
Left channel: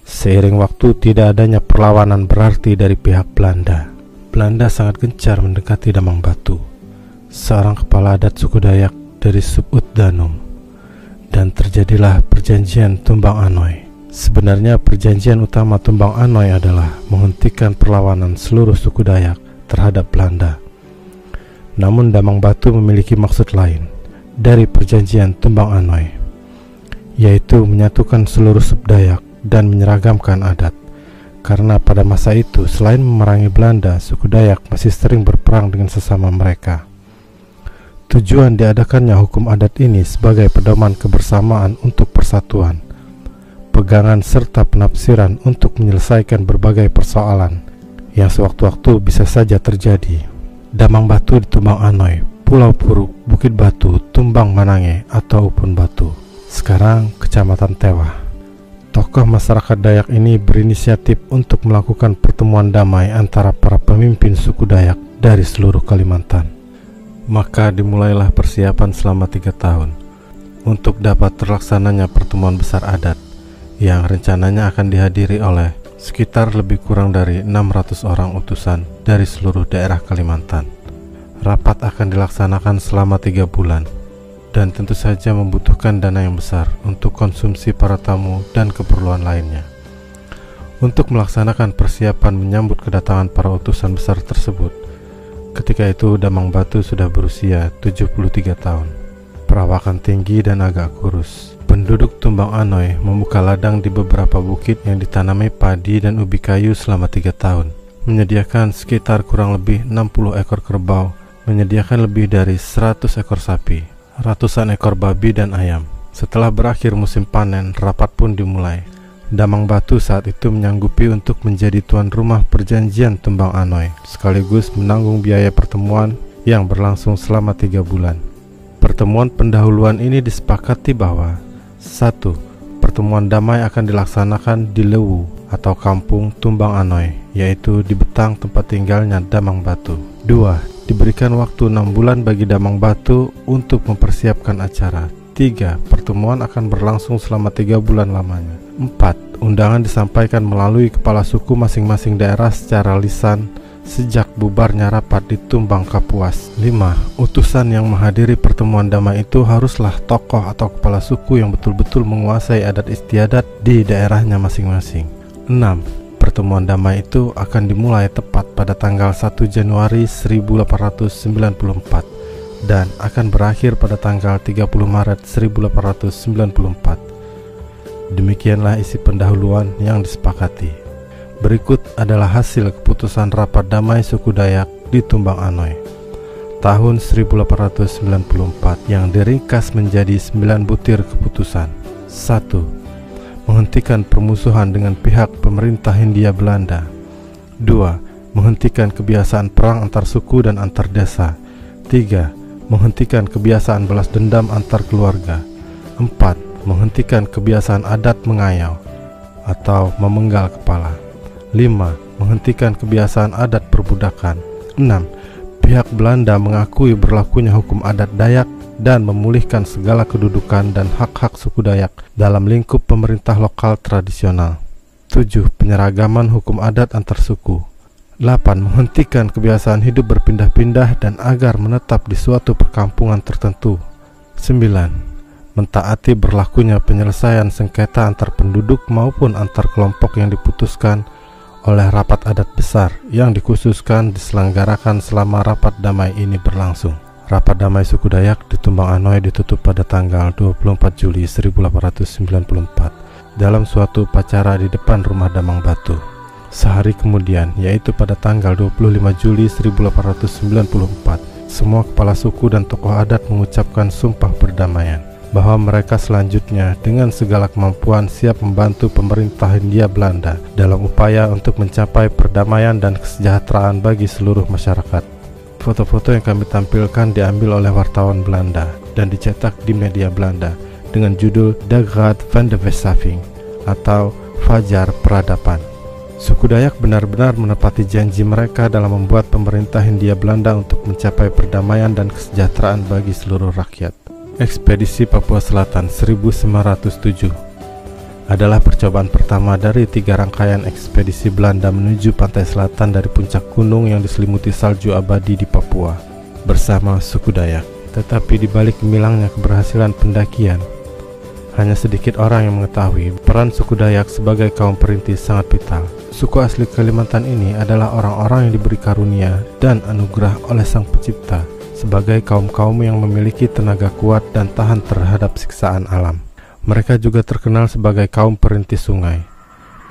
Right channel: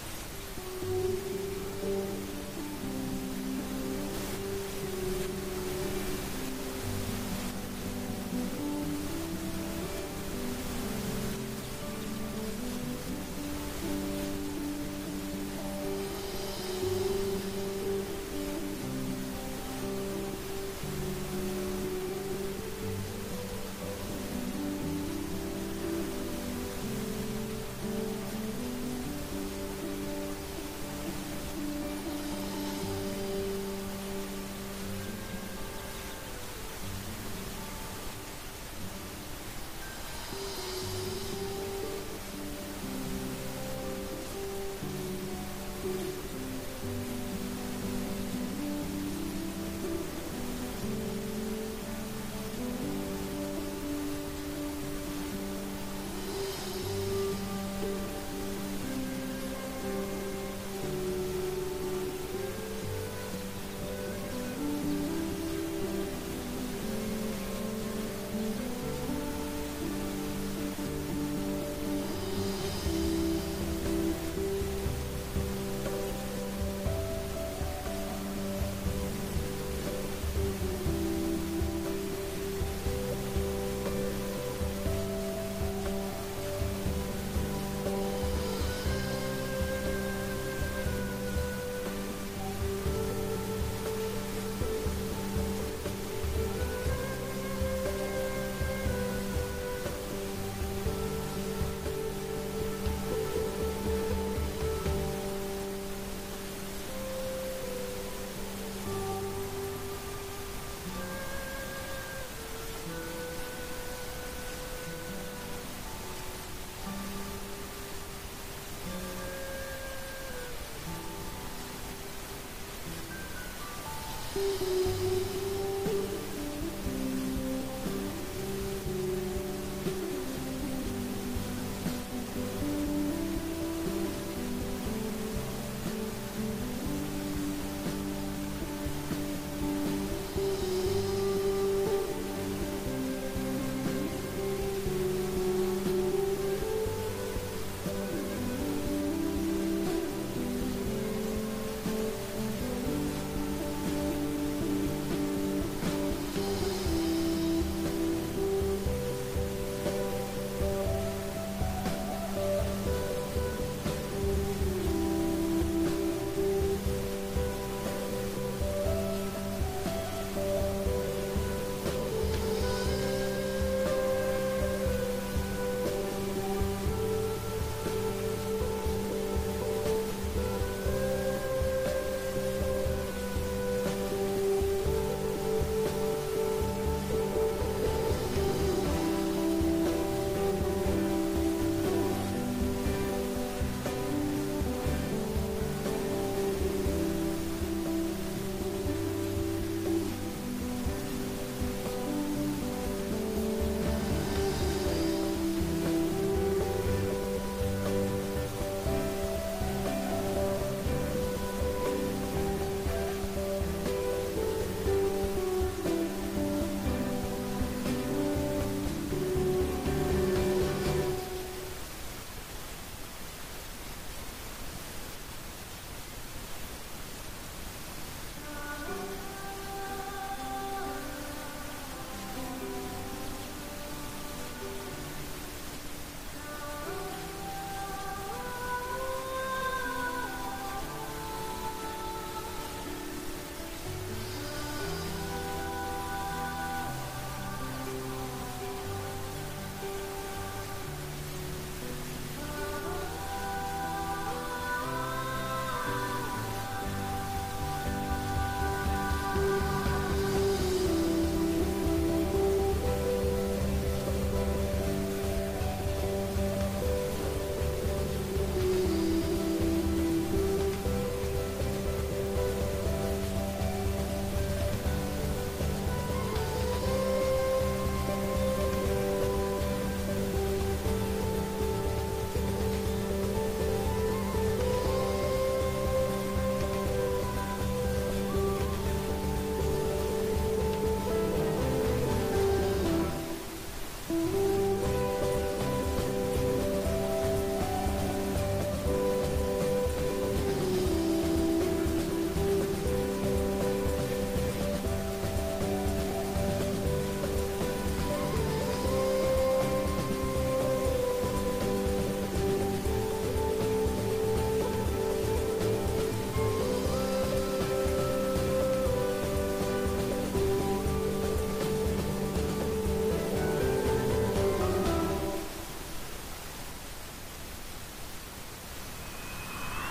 Seiring waktu tidak adanya perlawanan berarti dari pihak Belanda. Belanda sangat gencar mendekati Damang Batu, seorang kepala adat suku Dayak dari Subud Danum. Dan terjadilah perjanjian Tumbang Anoy. Sebenarnya perjanjian utama Tumbang Anoy adalah menghentikan perlawanan seluruh suku Dayak terhadap Belanda. Namun Damang Batu memiliki maksud lain dari perjanjian Tumbang Anoy, yaitu menyatukan seluruh suku Dayak dan menyeragamkan adat. Karena pada masa itu selain memerangi Belanda, suku Dayak masih sering berperang dengan sesama mereka. Tujuan diadakannya hukum adat ini sebagai pedoman kebersamaan untuk persatuan, pegangan serta penafsiran untuk menyelesaikan berbagai persoalan yang sewaktu-waktu bisa saja terjadi. Damang Batu di Tumbang Anoy, Pulau Puruk, Bukit Batu, Tumbang Manange atau Upun Batu, sekarang Kecamatan Tewa. Tokoh masyarakat Dayak ini berinisiatif untuk melakukan pertemuan damai antara para pemimpin suku Dayak dari seluruh Kalimantan. Maka dimulailah persiapan selama 3 tahun untuk dapat terlaksananya pertemuan besar adat yang rencananya akan dihadiri oleh sekitar lebih kurang dari 600 orang utusan dari seluruh daerah Kalimantan. Rapat akan dilaksanakan selama 3 bulan dan tentu saja membutuhkan dana yang besar untuk konsumsi para tamu dan keperluan lainnya. Untuk melaksanakan persiapan menyambut kedatangan para utusan besar tersebut, ketika itu Damang Batu sudah berusia 73 tahun, perawakan tinggi dan agak kurus. Penduduk Tumbang Anoy membuka ladang di beberapa bukit yang ditanami padi dan ubi kayu selama 3 tahun, menyediakan sekitar kurang lebih 60 ekor kerbau, menyediakan lebih dari 100 ekor sapi, ratusan ekor babi dan ayam. Setelah berakhir musim panen, rapat pun dimulai. Damang Batu saat itu menyanggupi untuk menjadi tuan rumah perjanjian Tumbang Anoy, sekaligus menanggung biaya pertemuan yang berlangsung selama 3 bulan. Pertemuan pendahuluan ini disepakati bahwa 1. Pertemuan damai akan dilaksanakan di Lewu atau kampung Tumbang Anoy, yaitu di Betang tempat tinggalnya Damang Batu. 2. Diberikan waktu 6 bulan bagi Damang Batu untuk mempersiapkan acara. 3. Pertemuan akan berlangsung selama 3 bulan lamanya. 4. Undangan disampaikan melalui kepala suku masing-masing daerah secara lisan sejak bubarnya rapat di Tumbang Kapuas. 5. Utusan yang menghadiri pertemuan damai itu haruslah tokoh atau kepala suku yang betul-betul menguasai adat istiadat di daerahnya masing-masing. 6. Pertemuan damai itu akan dimulai tepat pada tanggal 1 Januari 1894 dan akan berakhir pada tanggal 30 Maret 1894. Demikianlah isi pendahuluan yang disepakati. Berikut adalah hasil keputusan rapat damai suku Dayak di Tumbang Anoy tahun 1894 yang diringkas menjadi 9 butir keputusan. 1. Menghentikan permusuhan dengan pihak pemerintah Hindia Belanda. 2. Menghentikan kebiasaan perang antar suku dan antar desa. 3. Menghentikan kebiasaan balas dendam antar keluarga. 4. Menghentikan kebiasaan adat mengayau atau memenggal kepala. 5. Menghentikan kebiasaan adat perbudakan. 6. Pihak Belanda mengakui berlakunya hukum adat Dayak dan memulihkan segala kedudukan dan hak-hak suku Dayak dalam lingkup pemerintah lokal tradisional. 7. Penyeragaman hukum adat antar suku. 8. Menghentikan kebiasaan hidup berpindah-pindah dan agar menetap di suatu perkampungan tertentu. 9. Mentaati berlakunya penyelesaian sengketa antar penduduk maupun antar kelompok yang diputuskan oleh rapat adat besar yang dikhususkan diselenggarakan selama rapat damai ini berlangsung. Rapat damai suku Dayak di Tumbang Anoy ditutup pada tanggal 24 Juli 1894 dalam suatu upacara di depan rumah Damang Batu. Sehari kemudian, yaitu pada tanggal 25 Juli 1894, semua kepala suku dan tokoh adat mengucapkan sumpah perdamaian bahwa mereka selanjutnya dengan segala kemampuan siap membantu pemerintah Hindia Belanda dalam upaya untuk mencapai perdamaian dan kesejahteraan bagi seluruh masyarakat. Foto-foto yang kami tampilkan diambil oleh wartawan Belanda dan dicetak di media Belanda dengan judul Dageraad van de Wetssaving atau Fajar Peradaban. Suku Dayak benar-benar menepati janji mereka dalam membuat pemerintah Hindia Belanda untuk mencapai perdamaian dan kesejahteraan bagi seluruh rakyat. Ekspedisi Papua Selatan 1907 adalah percobaan pertama dari 3 rangkaian ekspedisi Belanda menuju pantai selatan dari puncak gunung yang diselimuti salju abadi di Papua bersama suku Dayak. Tetapi di balik gemilangnya keberhasilan pendakian, hanya sedikit orang yang mengetahui peran suku Dayak sebagai kaum perintis sangat vital. Suku asli Kalimantan ini adalah orang-orang yang diberi karunia dan anugerah oleh Sang Pencipta sebagai kaum-kaum yang memiliki tenaga kuat dan tahan terhadap siksaan alam. Mereka juga terkenal sebagai kaum perintis sungai.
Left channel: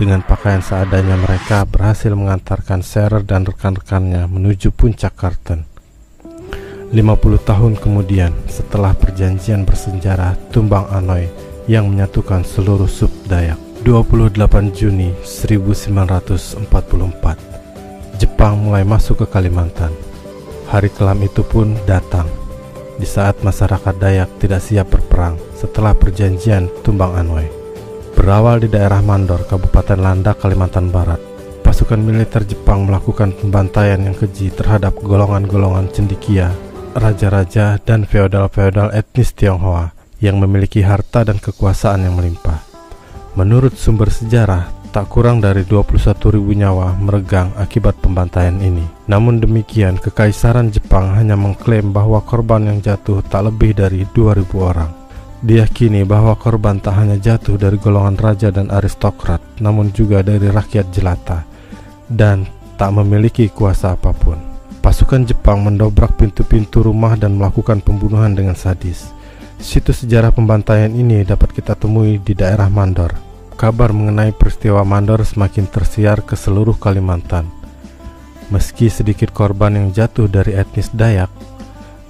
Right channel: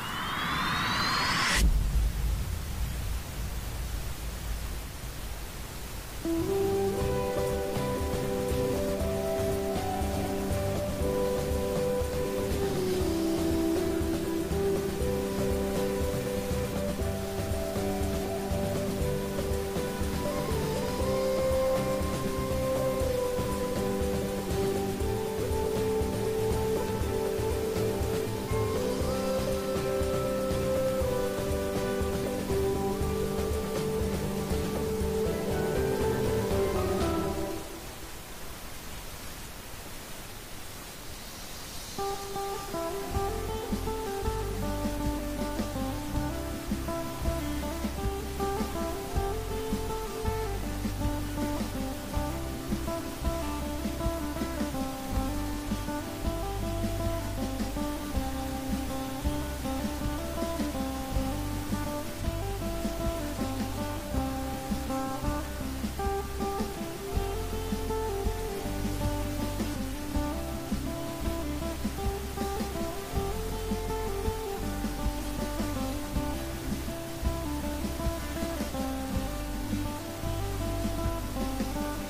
Dengan pakaian seadanya mereka berhasil mengantarkan Shearer dan rekan-rekannya menuju puncak Kartens. 50 tahun kemudian, setelah perjanjian bersejarah Tumbang Anoy yang menyatukan seluruh sub Dayak, 28 Juni 1944, Jepang mulai masuk ke Kalimantan. Hari kelam itu pun datang di saat masyarakat Dayak tidak siap berperang setelah perjanjian Tumbang Anoy. Berawal di daerah Mandor, Kabupaten Landak, Kalimantan Barat, pasukan militer Jepang melakukan pembantaian yang keji terhadap golongan-golongan cendekia, raja-raja, dan feodal-feodal etnis Tionghoa yang memiliki harta dan kekuasaan yang melimpah. Menurut sumber sejarah, tak kurang dari 21.000 nyawa meregang akibat pembantaian ini. Namun demikian, Kekaisaran Jepang hanya mengklaim bahwa korban yang jatuh tak lebih dari 2.000 orang. Diyakini bahwa korban tak hanya jatuh dari golongan raja dan aristokrat, namun juga dari rakyat jelata, dan tak memiliki kuasa apapun. Pasukan Jepang mendobrak pintu-pintu rumah dan melakukan pembunuhan dengan sadis. Situs sejarah pembantaian ini dapat kita temui di daerah Mandor. Kabar mengenai peristiwa Mandor semakin tersiar ke seluruh Kalimantan. Meski sedikit korban yang jatuh dari etnis Dayak,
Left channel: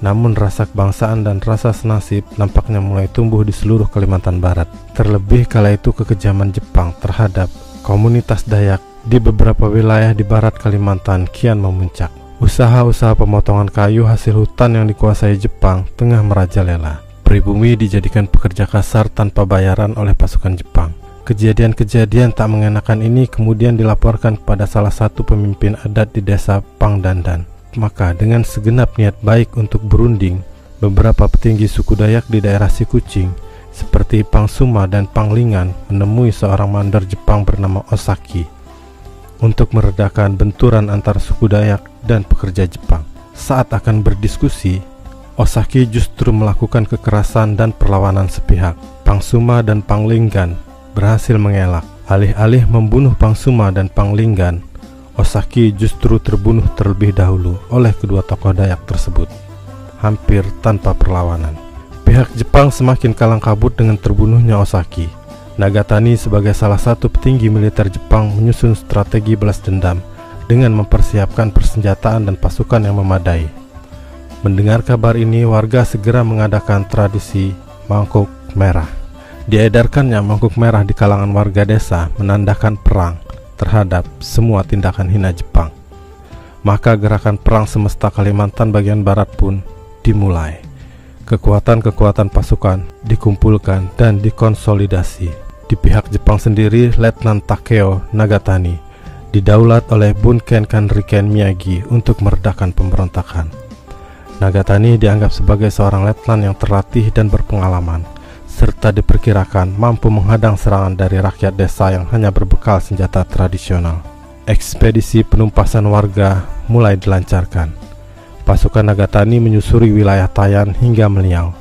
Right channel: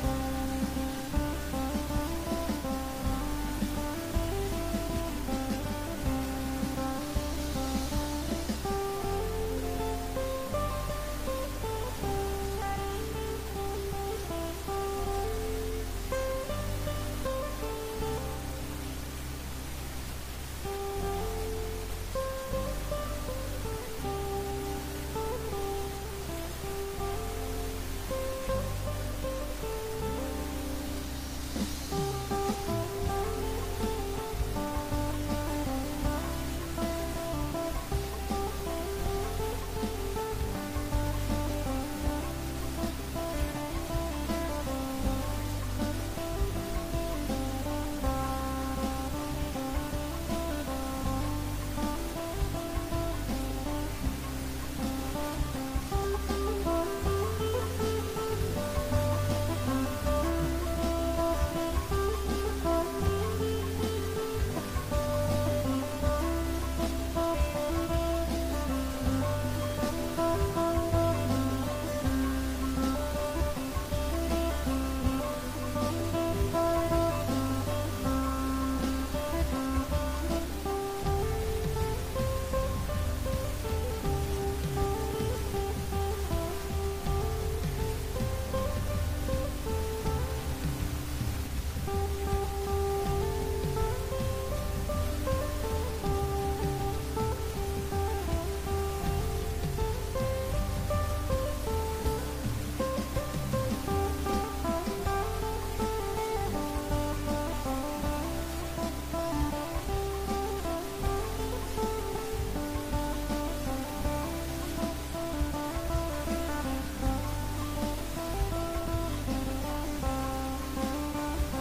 namun rasa kebangsaan dan rasa senasib nampaknya mulai tumbuh di seluruh Kalimantan Barat. Terlebih kala itu kekejaman Jepang terhadap komunitas Dayak di beberapa wilayah di barat Kalimantan kian memuncak. Usaha-usaha pemotongan kayu hasil hutan yang dikuasai Jepang tengah merajalela. Pribumi dijadikan pekerja kasar tanpa bayaran oleh pasukan Jepang. Kejadian-kejadian tak mengenakan ini kemudian dilaporkan kepada salah satu pemimpin adat di desa Pangdandan. Maka dengan segenap niat baik untuk berunding, beberapa petinggi suku Dayak di daerah Sikucing seperti Pangsuma dan Panglingan menemui seorang mandor Jepang bernama Osaki untuk meredakan benturan antar suku Dayak dan pekerja Jepang. Saat akan berdiskusi, Osaki justru melakukan kekerasan dan perlawanan sepihak. Pangsuma dan Panglingan berhasil mengelak. Alih-alih membunuh Pangsuma dan Panglinggan, Osaki justru terbunuh terlebih dahulu oleh kedua tokoh Dayak tersebut, hampir tanpa perlawanan. Pihak Jepang semakin kalang kabut dengan terbunuhnya Osaki. Nagatani sebagai salah satu petinggi militer Jepang menyusun strategi balas dendam dengan mempersiapkan persenjataan dan pasukan yang memadai. Mendengar kabar ini, warga segera mengadakan tradisi mangkuk merah. Diedarkannya mangkuk merah di kalangan warga desa menandakan perang terhadap semua tindakan hina Jepang. Maka gerakan perang semesta Kalimantan bagian barat pun dimulai. Kekuatan-kekuatan pasukan dikumpulkan dan dikonsolidasi. Di pihak Jepang sendiri, Letnan Takeo Nagatani didaulat oleh Bunken Kanriken Miyagi untuk meredakan pemberontakan. Nagatani dianggap sebagai seorang letnan yang terlatih dan berpengalaman, serta diperkirakan mampu menghadang serangan dari rakyat desa yang hanya berbekal senjata tradisional. Ekspedisi penumpasan warga mulai dilancarkan. Pasukan Nagatani menyusuri wilayah Tayan hingga Meliau,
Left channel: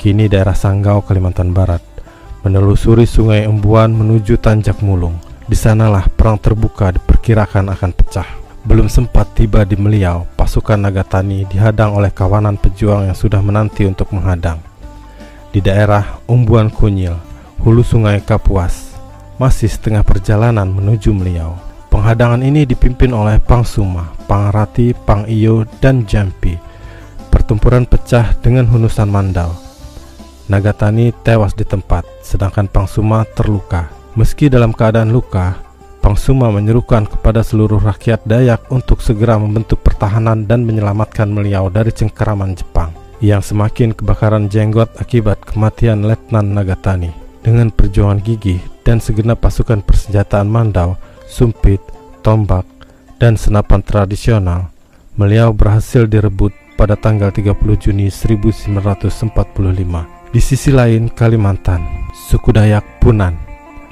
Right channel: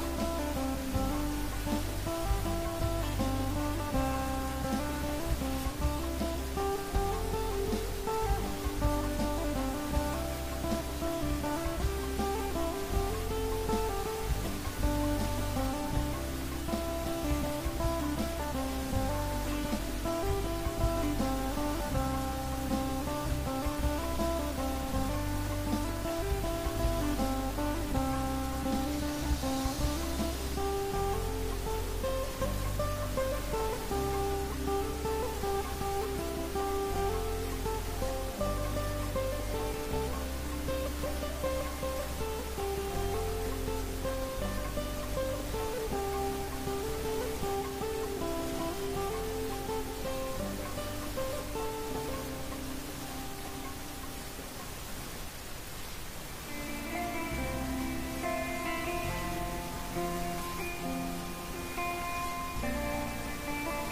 kini daerah Sanggau, Kalimantan Barat, menelusuri Sungai Embuan menuju Tanjak Mulung. Di sanalah perang terbuka diperkirakan akan pecah. Belum sempat tiba di Meliau, pasukan Nagatani dihadang oleh kawanan pejuang yang sudah menanti untuk menghadang. Di daerah Umbuan Kunyil, hulu Sungai Kapuas, masih setengah perjalanan menuju Meliau. Penghadangan ini dipimpin oleh Pangsuma, Pangrati, Pangiyo, dan Jampi. Pertempuran pecah dengan hunusan Mandau. Nagatani tewas di tempat, sedangkan Pangsuma terluka. Meski dalam keadaan luka, Pangsuma menyerukan kepada seluruh rakyat Dayak untuk segera membentuk pertahanan dan menyelamatkan Meliau dari cengkeraman Jepang yang semakin kebakaran jenggot akibat kematian Letnan Nagatani. Dengan perjuangan gigih dan segenap pasukan persenjataan Mandau, sumpit, tombak, dan senapan tradisional, Meliau berhasil direbut pada tanggal 30 Juni 1945. Di sisi lain, Kalimantan, suku Dayak Punan,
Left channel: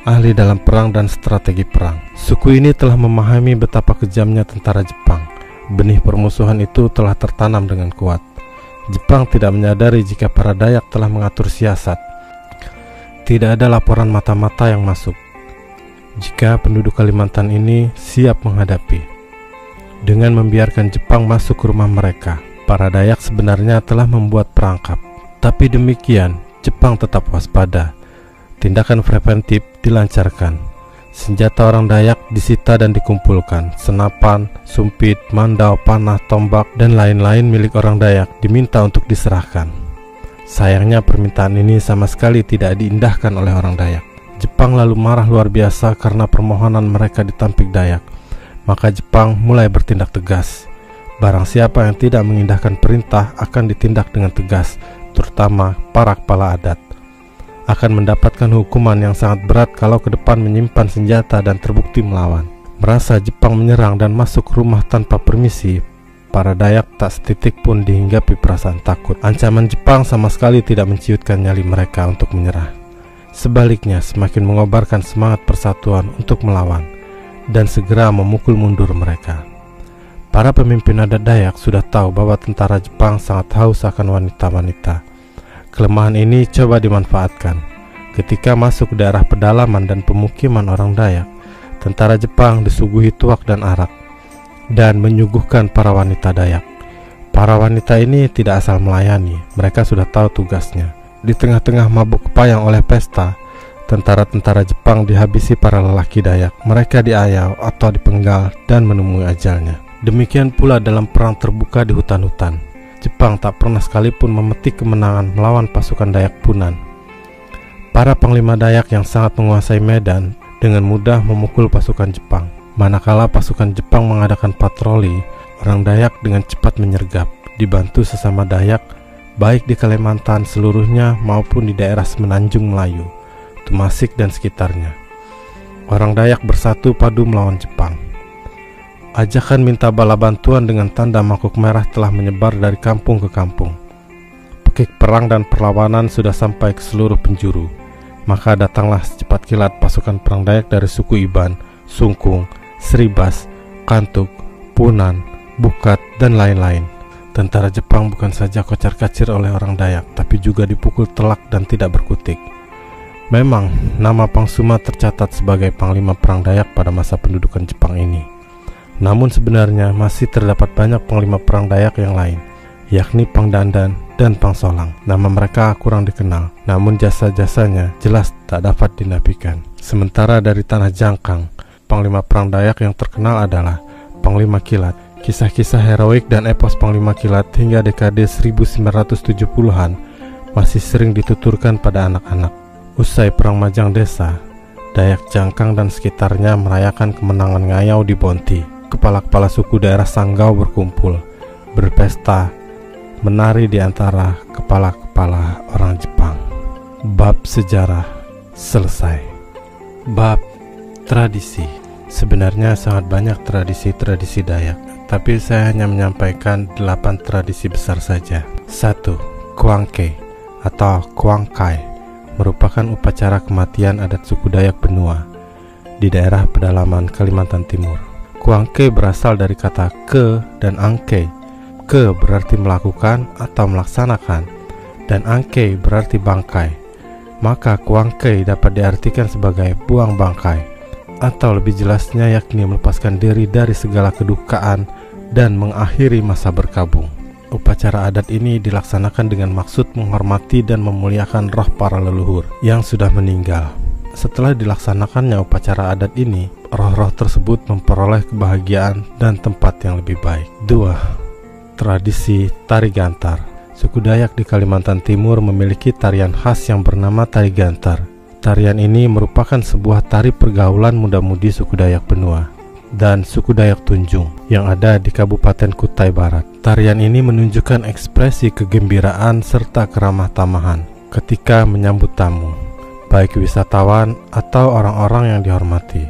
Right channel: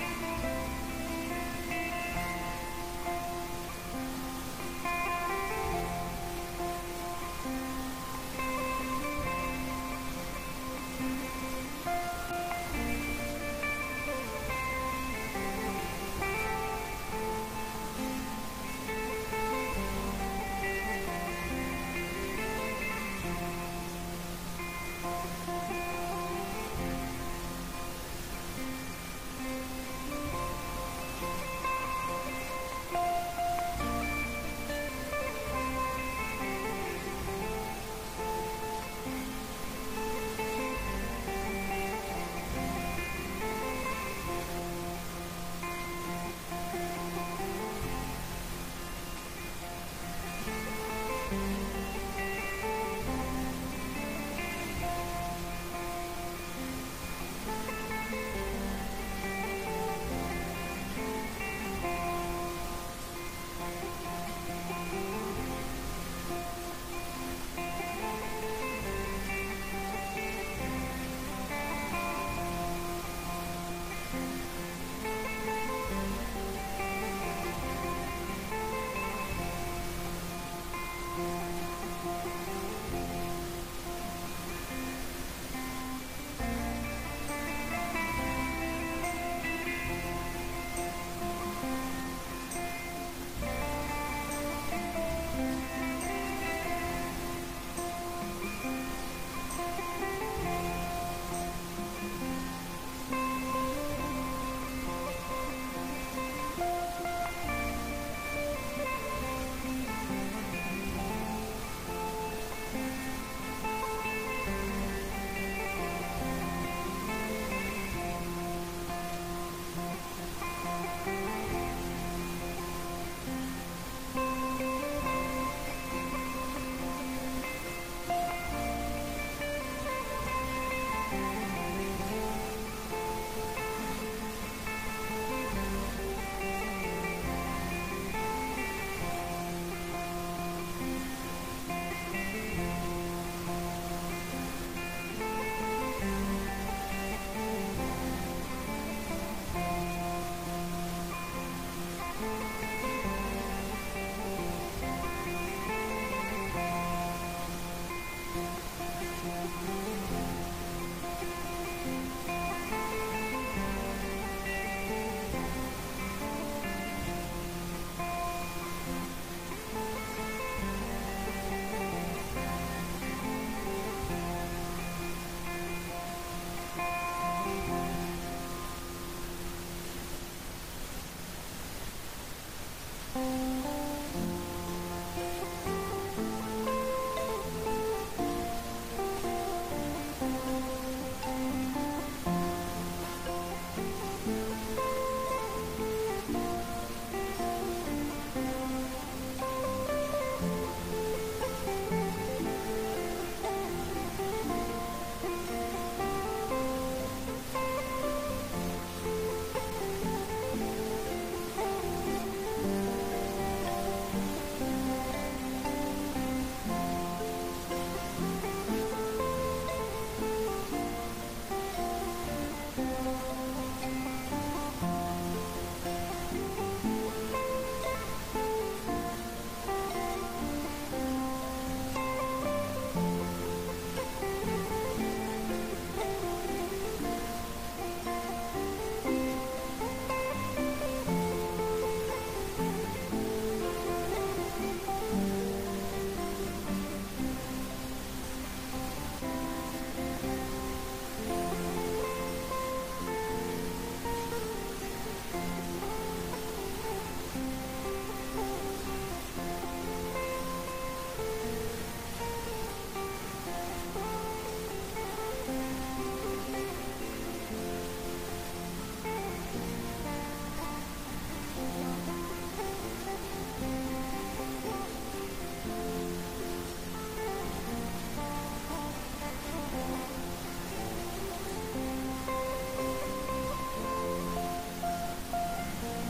ahli dalam perang dan strategi perang. Suku ini telah memahami betapa kejamnya tentara Jepang. Benih permusuhan itu telah tertanam dengan kuat. Jepang tidak menyadari jika para Dayak telah mengatur siasat. Tidak ada laporan mata-mata yang masuk jika penduduk Kalimantan ini siap menghadapi. Dengan membiarkan Jepang masuk ke rumah mereka, para Dayak sebenarnya telah membuat perangkap. Tapi demikian, Jepang tetap waspada. Tindakan preventif dilancarkan. Senjata orang Dayak disita dan dikumpulkan. Senapan, sumpit, mandau, panah, tombak, dan lain-lain milik orang Dayak diminta untuk diserahkan. Sayangnya permintaan ini sama sekali tidak diindahkan oleh orang Dayak. Jepang lalu marah luar biasa karena permohonan mereka ditampik Dayak. Maka Jepang mulai bertindak tegas. Barang siapa yang tidak mengindahkan perintah akan ditindak dengan tegas, terutama para kepala adat. Akan mendapatkan hukuman yang sangat berat kalau ke depan menyimpan senjata dan terbukti melawan. Merasa Jepang menyerang dan masuk rumah tanpa permisi, para Dayak tak setitik pun dihinggapi perasaan takut. Ancaman Jepang sama sekali tidak menciutkan nyali mereka untuk menyerah. Sebaliknya, semakin mengobarkan semangat persatuan untuk melawan dan segera memukul mundur mereka. Para pemimpin adat Dayak sudah tahu bahwa tentara Jepang sangat haus akan wanita-wanita. Kelemahan ini coba dimanfaatkan. Ketika masuk ke daerah pedalaman dan pemukiman orang Dayak, tentara Jepang disuguhi tuak dan arak dan menyuguhkan para wanita Dayak. Para wanita ini tidak asal melayani, mereka sudah tahu tugasnya. Di tengah-tengah mabuk payang oleh pesta, tentara-tentara Jepang dihabisi para lelaki Dayak. Mereka diayau atau dipenggal dan menemui ajalnya. Demikian pula dalam perang terbuka di hutan-hutan. Jepang tak pernah sekalipun memetik kemenangan melawan pasukan Dayak Punan. Para panglima Dayak yang sangat menguasai medan dengan mudah memukul pasukan Jepang. Manakala pasukan Jepang mengadakan patroli, orang Dayak dengan cepat menyergap, dibantu sesama Dayak, baik di Kalimantan seluruhnya maupun di daerah Semenanjung Melayu, Temasik dan sekitarnya. Orang Dayak bersatu padu melawan Jepang. Ajakan minta bala bantuan dengan tanda mangkuk merah telah menyebar dari kampung ke kampung. Pekik perang dan perlawanan sudah sampai ke seluruh penjuru. Maka datanglah secepat kilat pasukan perang Dayak dari suku Iban, Sungkung, Sribas, Kantuk, Punan, Bukat, dan lain-lain. Tentara Jepang bukan saja kocar-kacir oleh orang Dayak, tapi juga dipukul telak dan tidak berkutik. Memang, nama Pangsuma tercatat sebagai panglima perang Dayak pada masa pendudukan Jepang ini. Namun sebenarnya masih terdapat banyak panglima perang Dayak yang lain, yakni Pangdandan dan Pangsolang. Nama mereka kurang dikenal, namun jasa-jasanya jelas tak dapat dinafikan. Sementara dari tanah Jangkang, panglima perang Dayak yang terkenal adalah Panglima Kilat. Kisah-kisah heroik dan epos Panglima Kilat hingga dekade 1970-an masih sering dituturkan pada anak-anak. Usai Perang Majang Desa, Dayak Jangkang dan sekitarnya merayakan kemenangan Ngayau di Bonti. Kepala-kepala suku daerah Sanggau berkumpul, berpesta, menari di antara kepala-kepala orang Jepang. Bab sejarah selesai. Bab tradisi. Sebenarnya sangat banyak tradisi-tradisi Dayak, tapi saya hanya menyampaikan 8 tradisi besar saja. 1. Kuangke atau Kuangkai merupakan upacara kematian adat suku Dayak Benua di daerah pedalaman Kalimantan Timur. Kuangke berasal dari kata ke dan angke. Ke berarti melakukan atau melaksanakan, dan angke berarti bangkai. Maka kuangke dapat diartikan sebagai buang bangkai, atau lebih jelasnya yakni melepaskan diri dari segala kedukaan dan mengakhiri masa berkabung. Upacara adat ini dilaksanakan dengan maksud menghormati dan memuliakan roh para leluhur yang sudah meninggal. Setelah dilaksanakannya upacara adat ini, roh-roh tersebut memperoleh kebahagiaan dan tempat yang lebih baik. 2. Tradisi Tari Gantar. Suku Dayak di Kalimantan Timur memiliki tarian khas yang bernama Tari Gantar. Tarian ini merupakan sebuah tari pergaulan muda-mudi suku Dayak Benua dan suku Dayak Tunjung yang ada di Kabupaten Kutai Barat. Tarian ini menunjukkan ekspresi kegembiraan serta keramah tamahan ketika menyambut tamu, baik wisatawan atau orang-orang yang dihormati.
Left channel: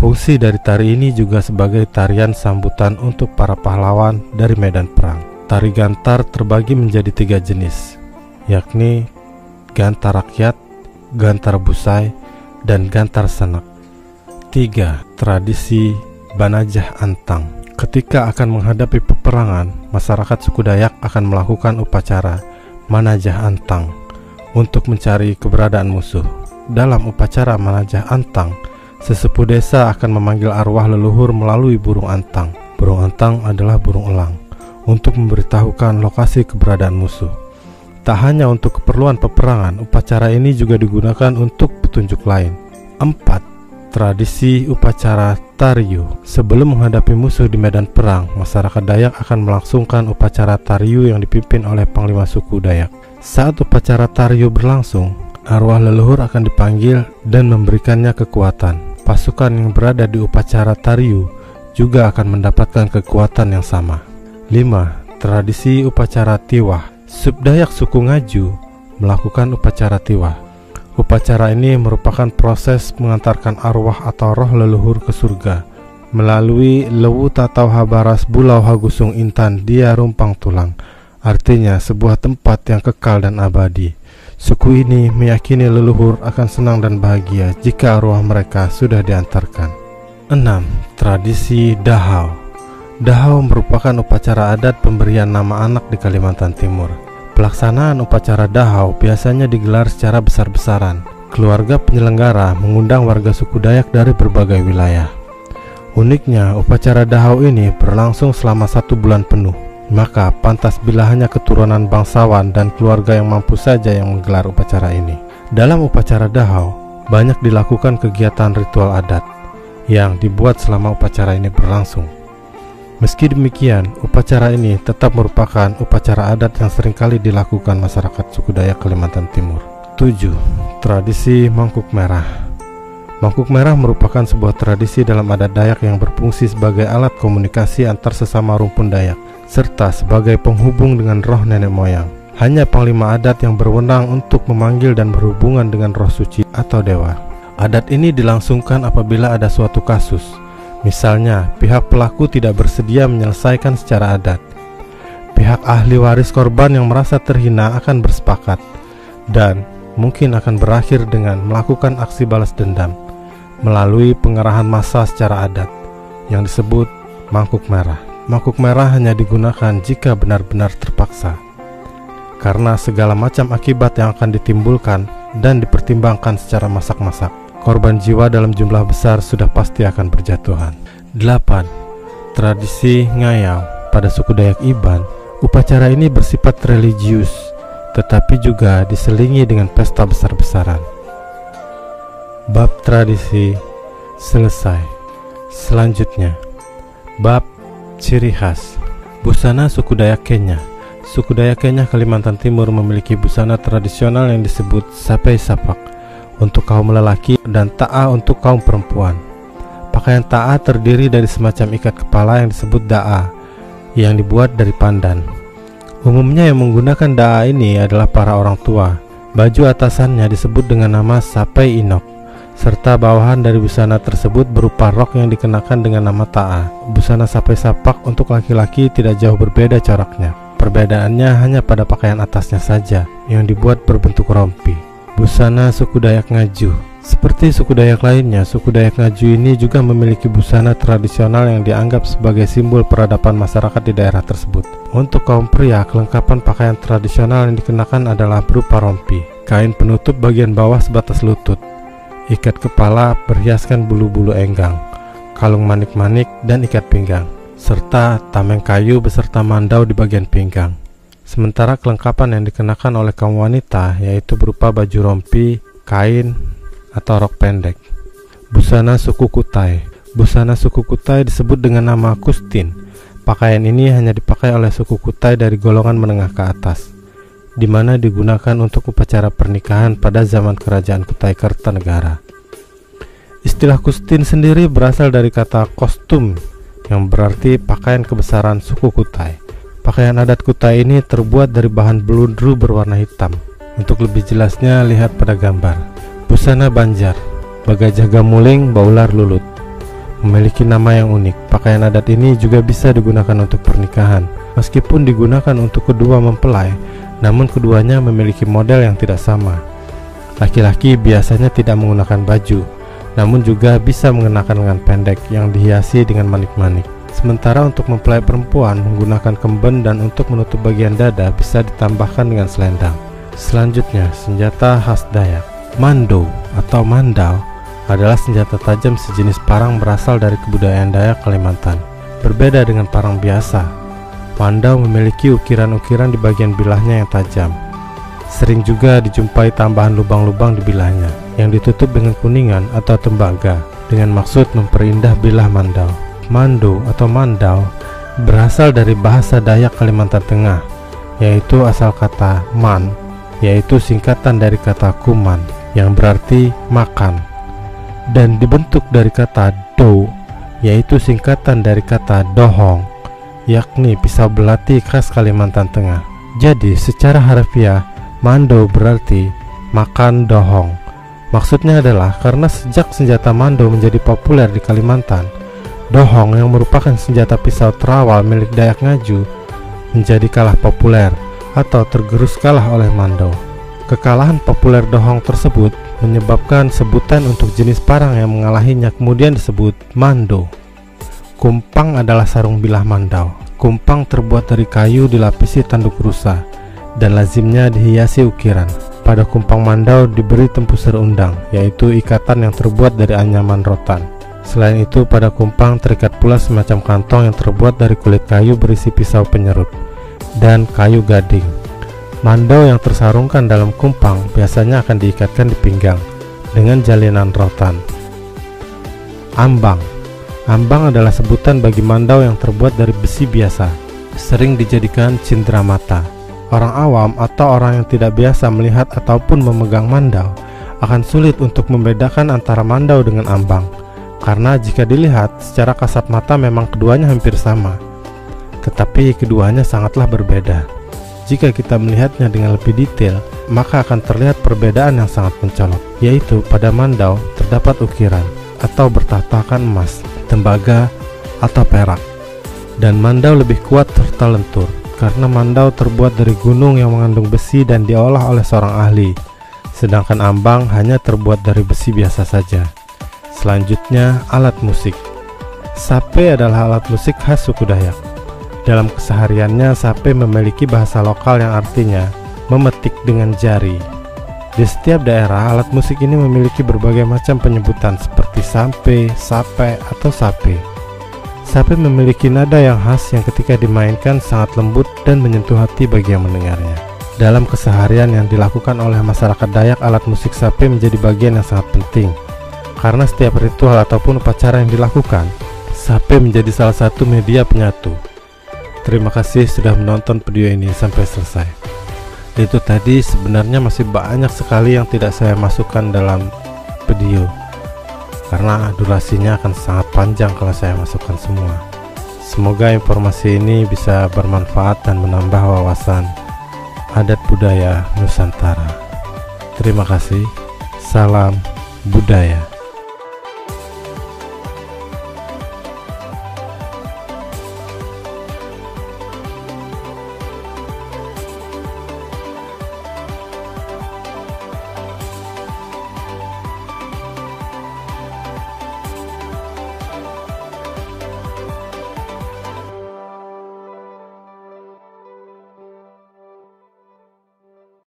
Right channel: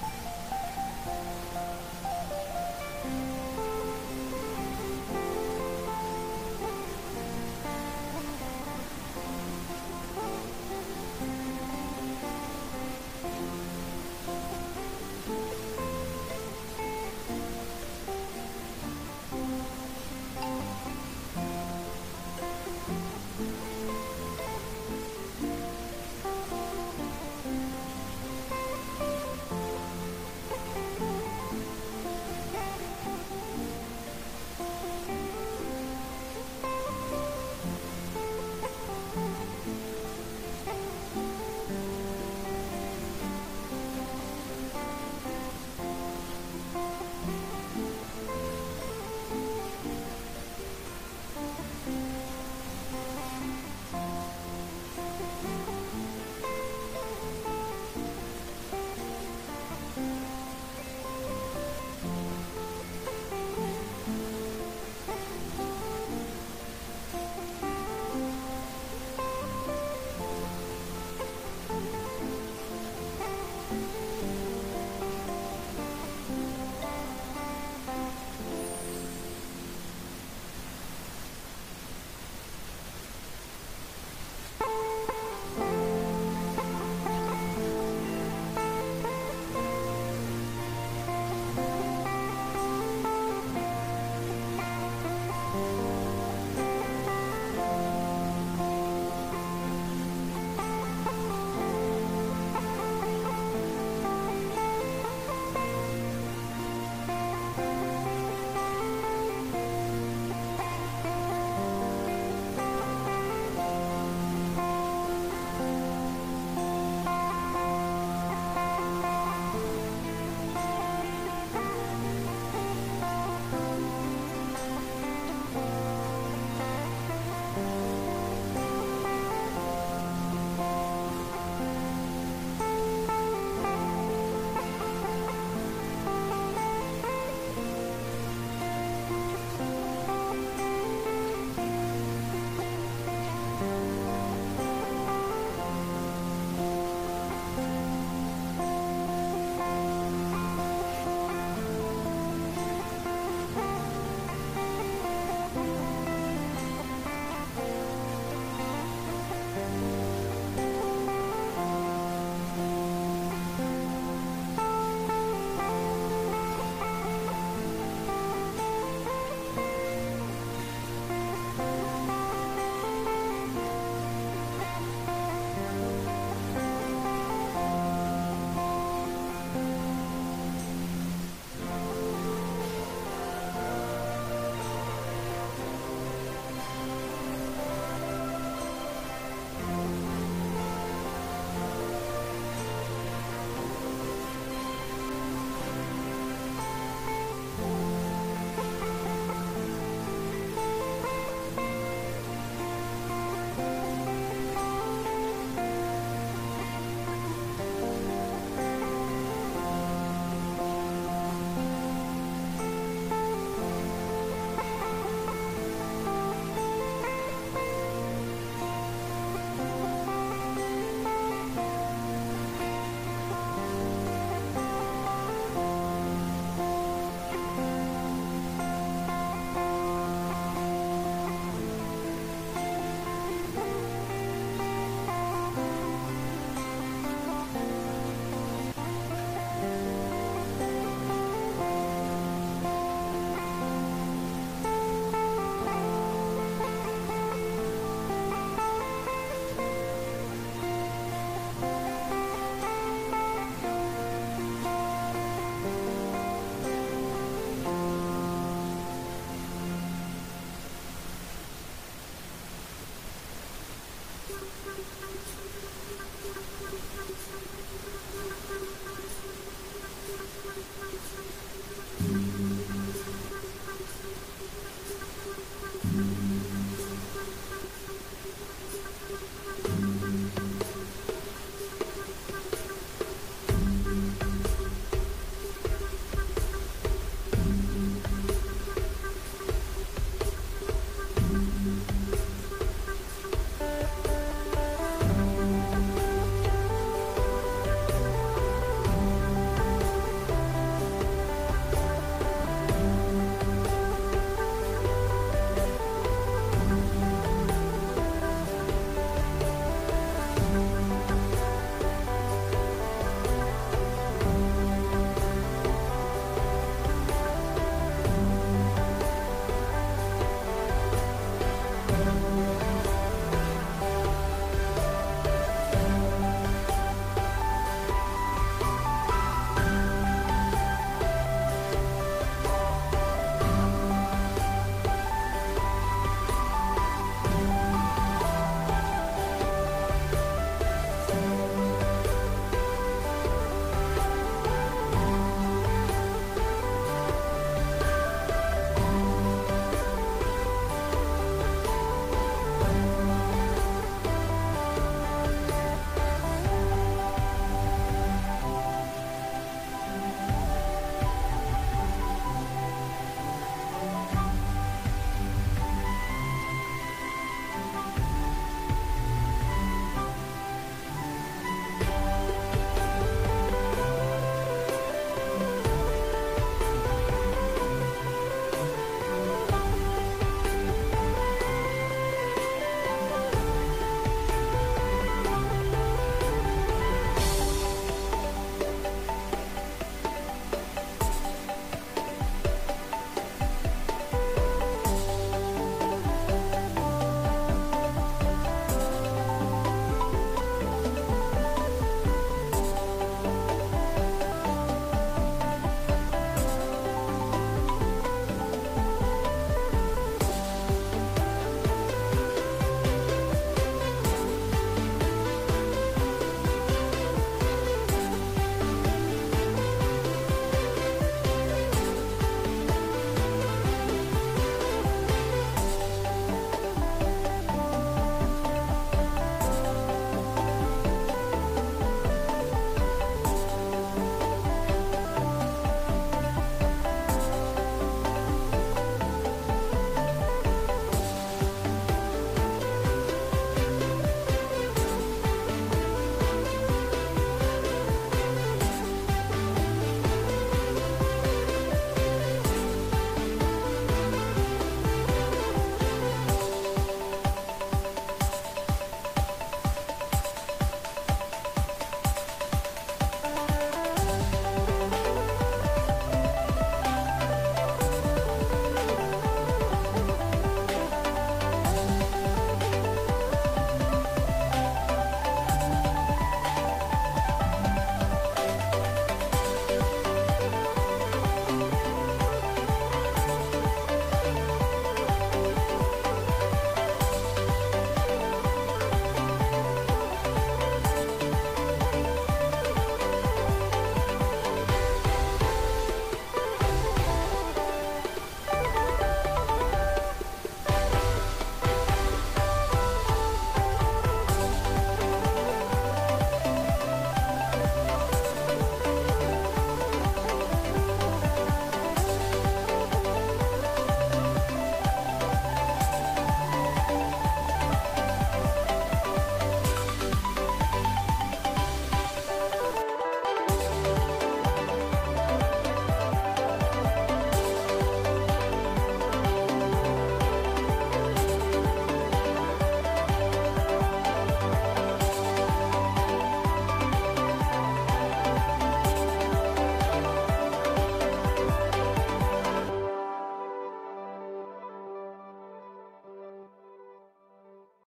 Fungsi dari tari ini juga sebagai tarian sambutan untuk para pahlawan dari medan perang. Tari Gantar terbagi menjadi 3 jenis, yakni Gantar Rakyat, Gantar Busai, dan Gantar Sanak. 3. Tradisi Banajah Antang. Ketika akan menghadapi peperangan, masyarakat suku Dayak akan melakukan upacara Manajah Antang untuk mencari keberadaan musuh. Dalam upacara Manajah Antang, sesepuh desa akan memanggil arwah leluhur melalui burung antang. Burung antang adalah burung elang, untuk memberitahukan lokasi keberadaan musuh. Tak hanya untuk keperluan peperangan, upacara ini juga digunakan untuk petunjuk lain. 4. Tradisi upacara Tariu. Sebelum menghadapi musuh di medan perang, masyarakat Dayak akan melangsungkan upacara Tariu yang dipimpin oleh panglima suku Dayak. Saat upacara Tariu berlangsung, arwah leluhur akan dipanggil dan memberikannya kekuatan. Pasukan yang berada di upacara Tariu juga akan mendapatkan kekuatan yang sama. 5. Tradisi upacara Tiwah. Subdayak suku Ngaju melakukan upacara Tiwah. Upacara ini merupakan proses mengantarkan arwah atau roh leluhur ke surga melalui Lewu Tatau Habaras Bulau Hagusung Intan Dia Rumpang Tulang, artinya sebuah tempat yang kekal dan abadi. Suku ini meyakini leluhur akan senang dan bahagia jika arwah mereka sudah diantarkan. 6. Tradisi Dahau. Dahau merupakan upacara adat pemberian nama anak di Kalimantan Timur. Pelaksanaan upacara Dahau biasanya digelar secara besar-besaran. Keluarga penyelenggara mengundang warga suku Dayak dari berbagai wilayah. Uniknya, upacara Dahau ini berlangsung selama 1 bulan penuh. Maka pantas bila hanya keturunan bangsawan dan keluarga yang mampu saja yang menggelar upacara ini. Dalam upacara Dahau, banyak dilakukan kegiatan ritual adat yang dibuat selama upacara ini berlangsung. Meski demikian, upacara ini tetap merupakan upacara adat yang seringkali dilakukan masyarakat suku Dayak Kalimantan Timur. 7. Tradisi Mangkuk Merah. Mangkuk Merah merupakan sebuah tradisi dalam adat Dayak yang berfungsi sebagai alat komunikasi antar sesama rumpun Dayak, serta sebagai penghubung dengan roh nenek moyang. Hanya panglima adat yang berwenang untuk memanggil dan berhubungan dengan roh suci atau dewa. Adat ini dilangsungkan apabila ada suatu kasus. Misalnya, pihak pelaku tidak bersedia menyelesaikan secara adat. Pihak ahli waris korban yang merasa terhina akan bersepakat dan mungkin akan berakhir dengan melakukan aksi balas dendam melalui pengerahan massa secara adat yang disebut Mangkuk Merah. Mangkuk Merah hanya digunakan jika benar-benar terpaksa, karena segala macam akibat yang akan ditimbulkan dan dipertimbangkan secara masak-masak. Korban jiwa dalam jumlah besar sudah pasti akan berjatuhan. 8. Tradisi ngayam. Pada suku Dayak Iban, upacara ini bersifat religius, tetapi juga diselingi dengan pesta besar-besaran. Bab tradisi selesai. Selanjutnya, bab ciri khas. Busana suku Dayak Kenya. Suku Dayak Kenya Kalimantan Timur memiliki busana tradisional yang disebut sapai sapak untuk kaum lelaki dan ta'a untuk kaum perempuan. Pakaian ta'a terdiri dari semacam ikat kepala yang disebut da'a yang dibuat dari pandan. Umumnya yang menggunakan da'a ini adalah para orang tua. Baju atasannya disebut dengan nama sapai inok, serta bawahan dari busana tersebut berupa rok yang dikenakan dengan nama ta'a. Busana sapai sapak untuk laki-laki tidak jauh berbeda coraknya. Perbedaannya hanya pada pakaian atasnya saja yang dibuat berbentuk rompi. Busana suku Dayak Ngaju. Seperti suku Dayak lainnya, suku Dayak Ngaju ini juga memiliki busana tradisional yang dianggap sebagai simbol peradaban masyarakat di daerah tersebut. Untuk kaum pria, kelengkapan pakaian tradisional yang dikenakan adalah berupa rompi, kain penutup bagian bawah sebatas lutut, ikat kepala berhiaskan bulu-bulu enggang, kalung manik-manik dan ikat pinggang, serta tameng kayu beserta mandau di bagian pinggang. Sementara kelengkapan yang dikenakan oleh kaum wanita yaitu berupa baju rompi, kain, atau rok pendek. Busana suku Kutai. Busana suku Kutai disebut dengan nama Kustin. Pakaian ini hanya dipakai oleh suku Kutai dari golongan menengah ke atas, di mana digunakan untuk upacara pernikahan pada zaman kerajaan Kutai Kertanegara. Istilah Kustin sendiri berasal dari kata kostum yang berarti pakaian kebesaran suku Kutai. Pakaian adat Kutai ini terbuat dari bahan beludru berwarna hitam. Untuk lebih jelasnya lihat pada gambar. Busana Banjar. Bagajah Gamuling Baular Lulut memiliki nama yang unik. Pakaian adat ini juga bisa digunakan untuk pernikahan. Meskipun digunakan untuk kedua mempelai, namun keduanya memiliki model yang tidak sama. Laki-laki biasanya tidak menggunakan baju, namun juga bisa mengenakan lengan pendek yang dihiasi dengan manik-manik. Sementara untuk mempelai perempuan menggunakan kemben dan untuk menutup bagian dada bisa ditambahkan dengan selendang. Selanjutnya, senjata khas Dayak. Mando atau mandau adalah senjata tajam sejenis parang berasal dari kebudayaan Dayak Kalimantan. Berbeda dengan parang biasa, mandau memiliki ukiran-ukiran di bagian bilahnya yang tajam. Sering juga dijumpai tambahan lubang-lubang di bilahnya yang ditutup dengan kuningan atau tembaga dengan maksud memperindah bilah mandau. Mando atau mandau berasal dari bahasa Dayak Kalimantan Tengah, yaitu asal kata man, yaitu singkatan dari kata kuman yang berarti makan, dan dibentuk dari kata do, yaitu singkatan dari kata dohong, yakni pisau belati khas Kalimantan Tengah. Jadi secara harfiah, mando berarti makan dohong. Maksudnya adalah karena sejak senjata mando menjadi populer di Kalimantan, dohong yang merupakan senjata pisau terawal milik Dayak Ngaju menjadi kalah populer atau tergerus kalah oleh mando. Kekalahan populer dohong tersebut menyebabkan sebutan untuk jenis parang yang mengalahinya kemudian disebut mando. Kumpang adalah sarung bilah mandau. Kumpang terbuat dari kayu dilapisi tanduk rusa dan lazimnya dihiasi ukiran. Pada kumpang mandau diberi tempusir undang, yaitu ikatan yang terbuat dari anyaman rotan. Selain itu, pada kumpang terikat pula semacam kantong yang terbuat dari kulit kayu berisi pisau penyerut dan kayu gading. Mandau yang tersarungkan dalam kumpang biasanya akan diikatkan di pinggang dengan jalinan rotan. Ambang. Ambang adalah sebutan bagi mandau yang terbuat dari besi biasa, sering dijadikan cindera mata. Orang awam atau orang yang tidak biasa melihat ataupun memegang mandau akan sulit untuk membedakan antara mandau dengan ambang, karena jika dilihat secara kasat mata memang keduanya hampir sama, tetapi keduanya sangatlah berbeda. Jika kita melihatnya dengan lebih detail, maka akan terlihat perbedaan yang sangat mencolok, yaitu pada mandau terdapat ukiran atau bertahtakan emas, tembaga, atau perak. Dan mandau lebih kuat serta lentur, karena mandau terbuat dari gunung yang mengandung besi dan diolah oleh seorang ahli, sedangkan ambang hanya terbuat dari besi biasa saja. Selanjutnya, alat musik. Sape adalah alat musik khas suku Dayak. Dalam kesehariannya, sape memiliki bahasa lokal yang artinya memetik dengan jari. Di setiap daerah, alat musik ini memiliki berbagai macam penyebutan seperti sampe, sape, atau sape. Sape memiliki nada yang khas yang ketika dimainkan sangat lembut dan menyentuh hati bagi yang mendengarnya. Dalam keseharian yang dilakukan oleh masyarakat Dayak, alat musik sape menjadi bagian yang sangat penting. Karena setiap ritual ataupun upacara yang dilakukan, sape menjadi salah satu media penyatu. Terima kasih sudah menonton video ini sampai selesai. Itu tadi sebenarnya masih banyak sekali yang tidak saya masukkan dalam video karena durasinya akan sangat panjang kalau saya masukkan semua. Semoga informasi ini bisa bermanfaat dan menambah wawasan adat budaya Nusantara. Terima kasih. Salam budaya.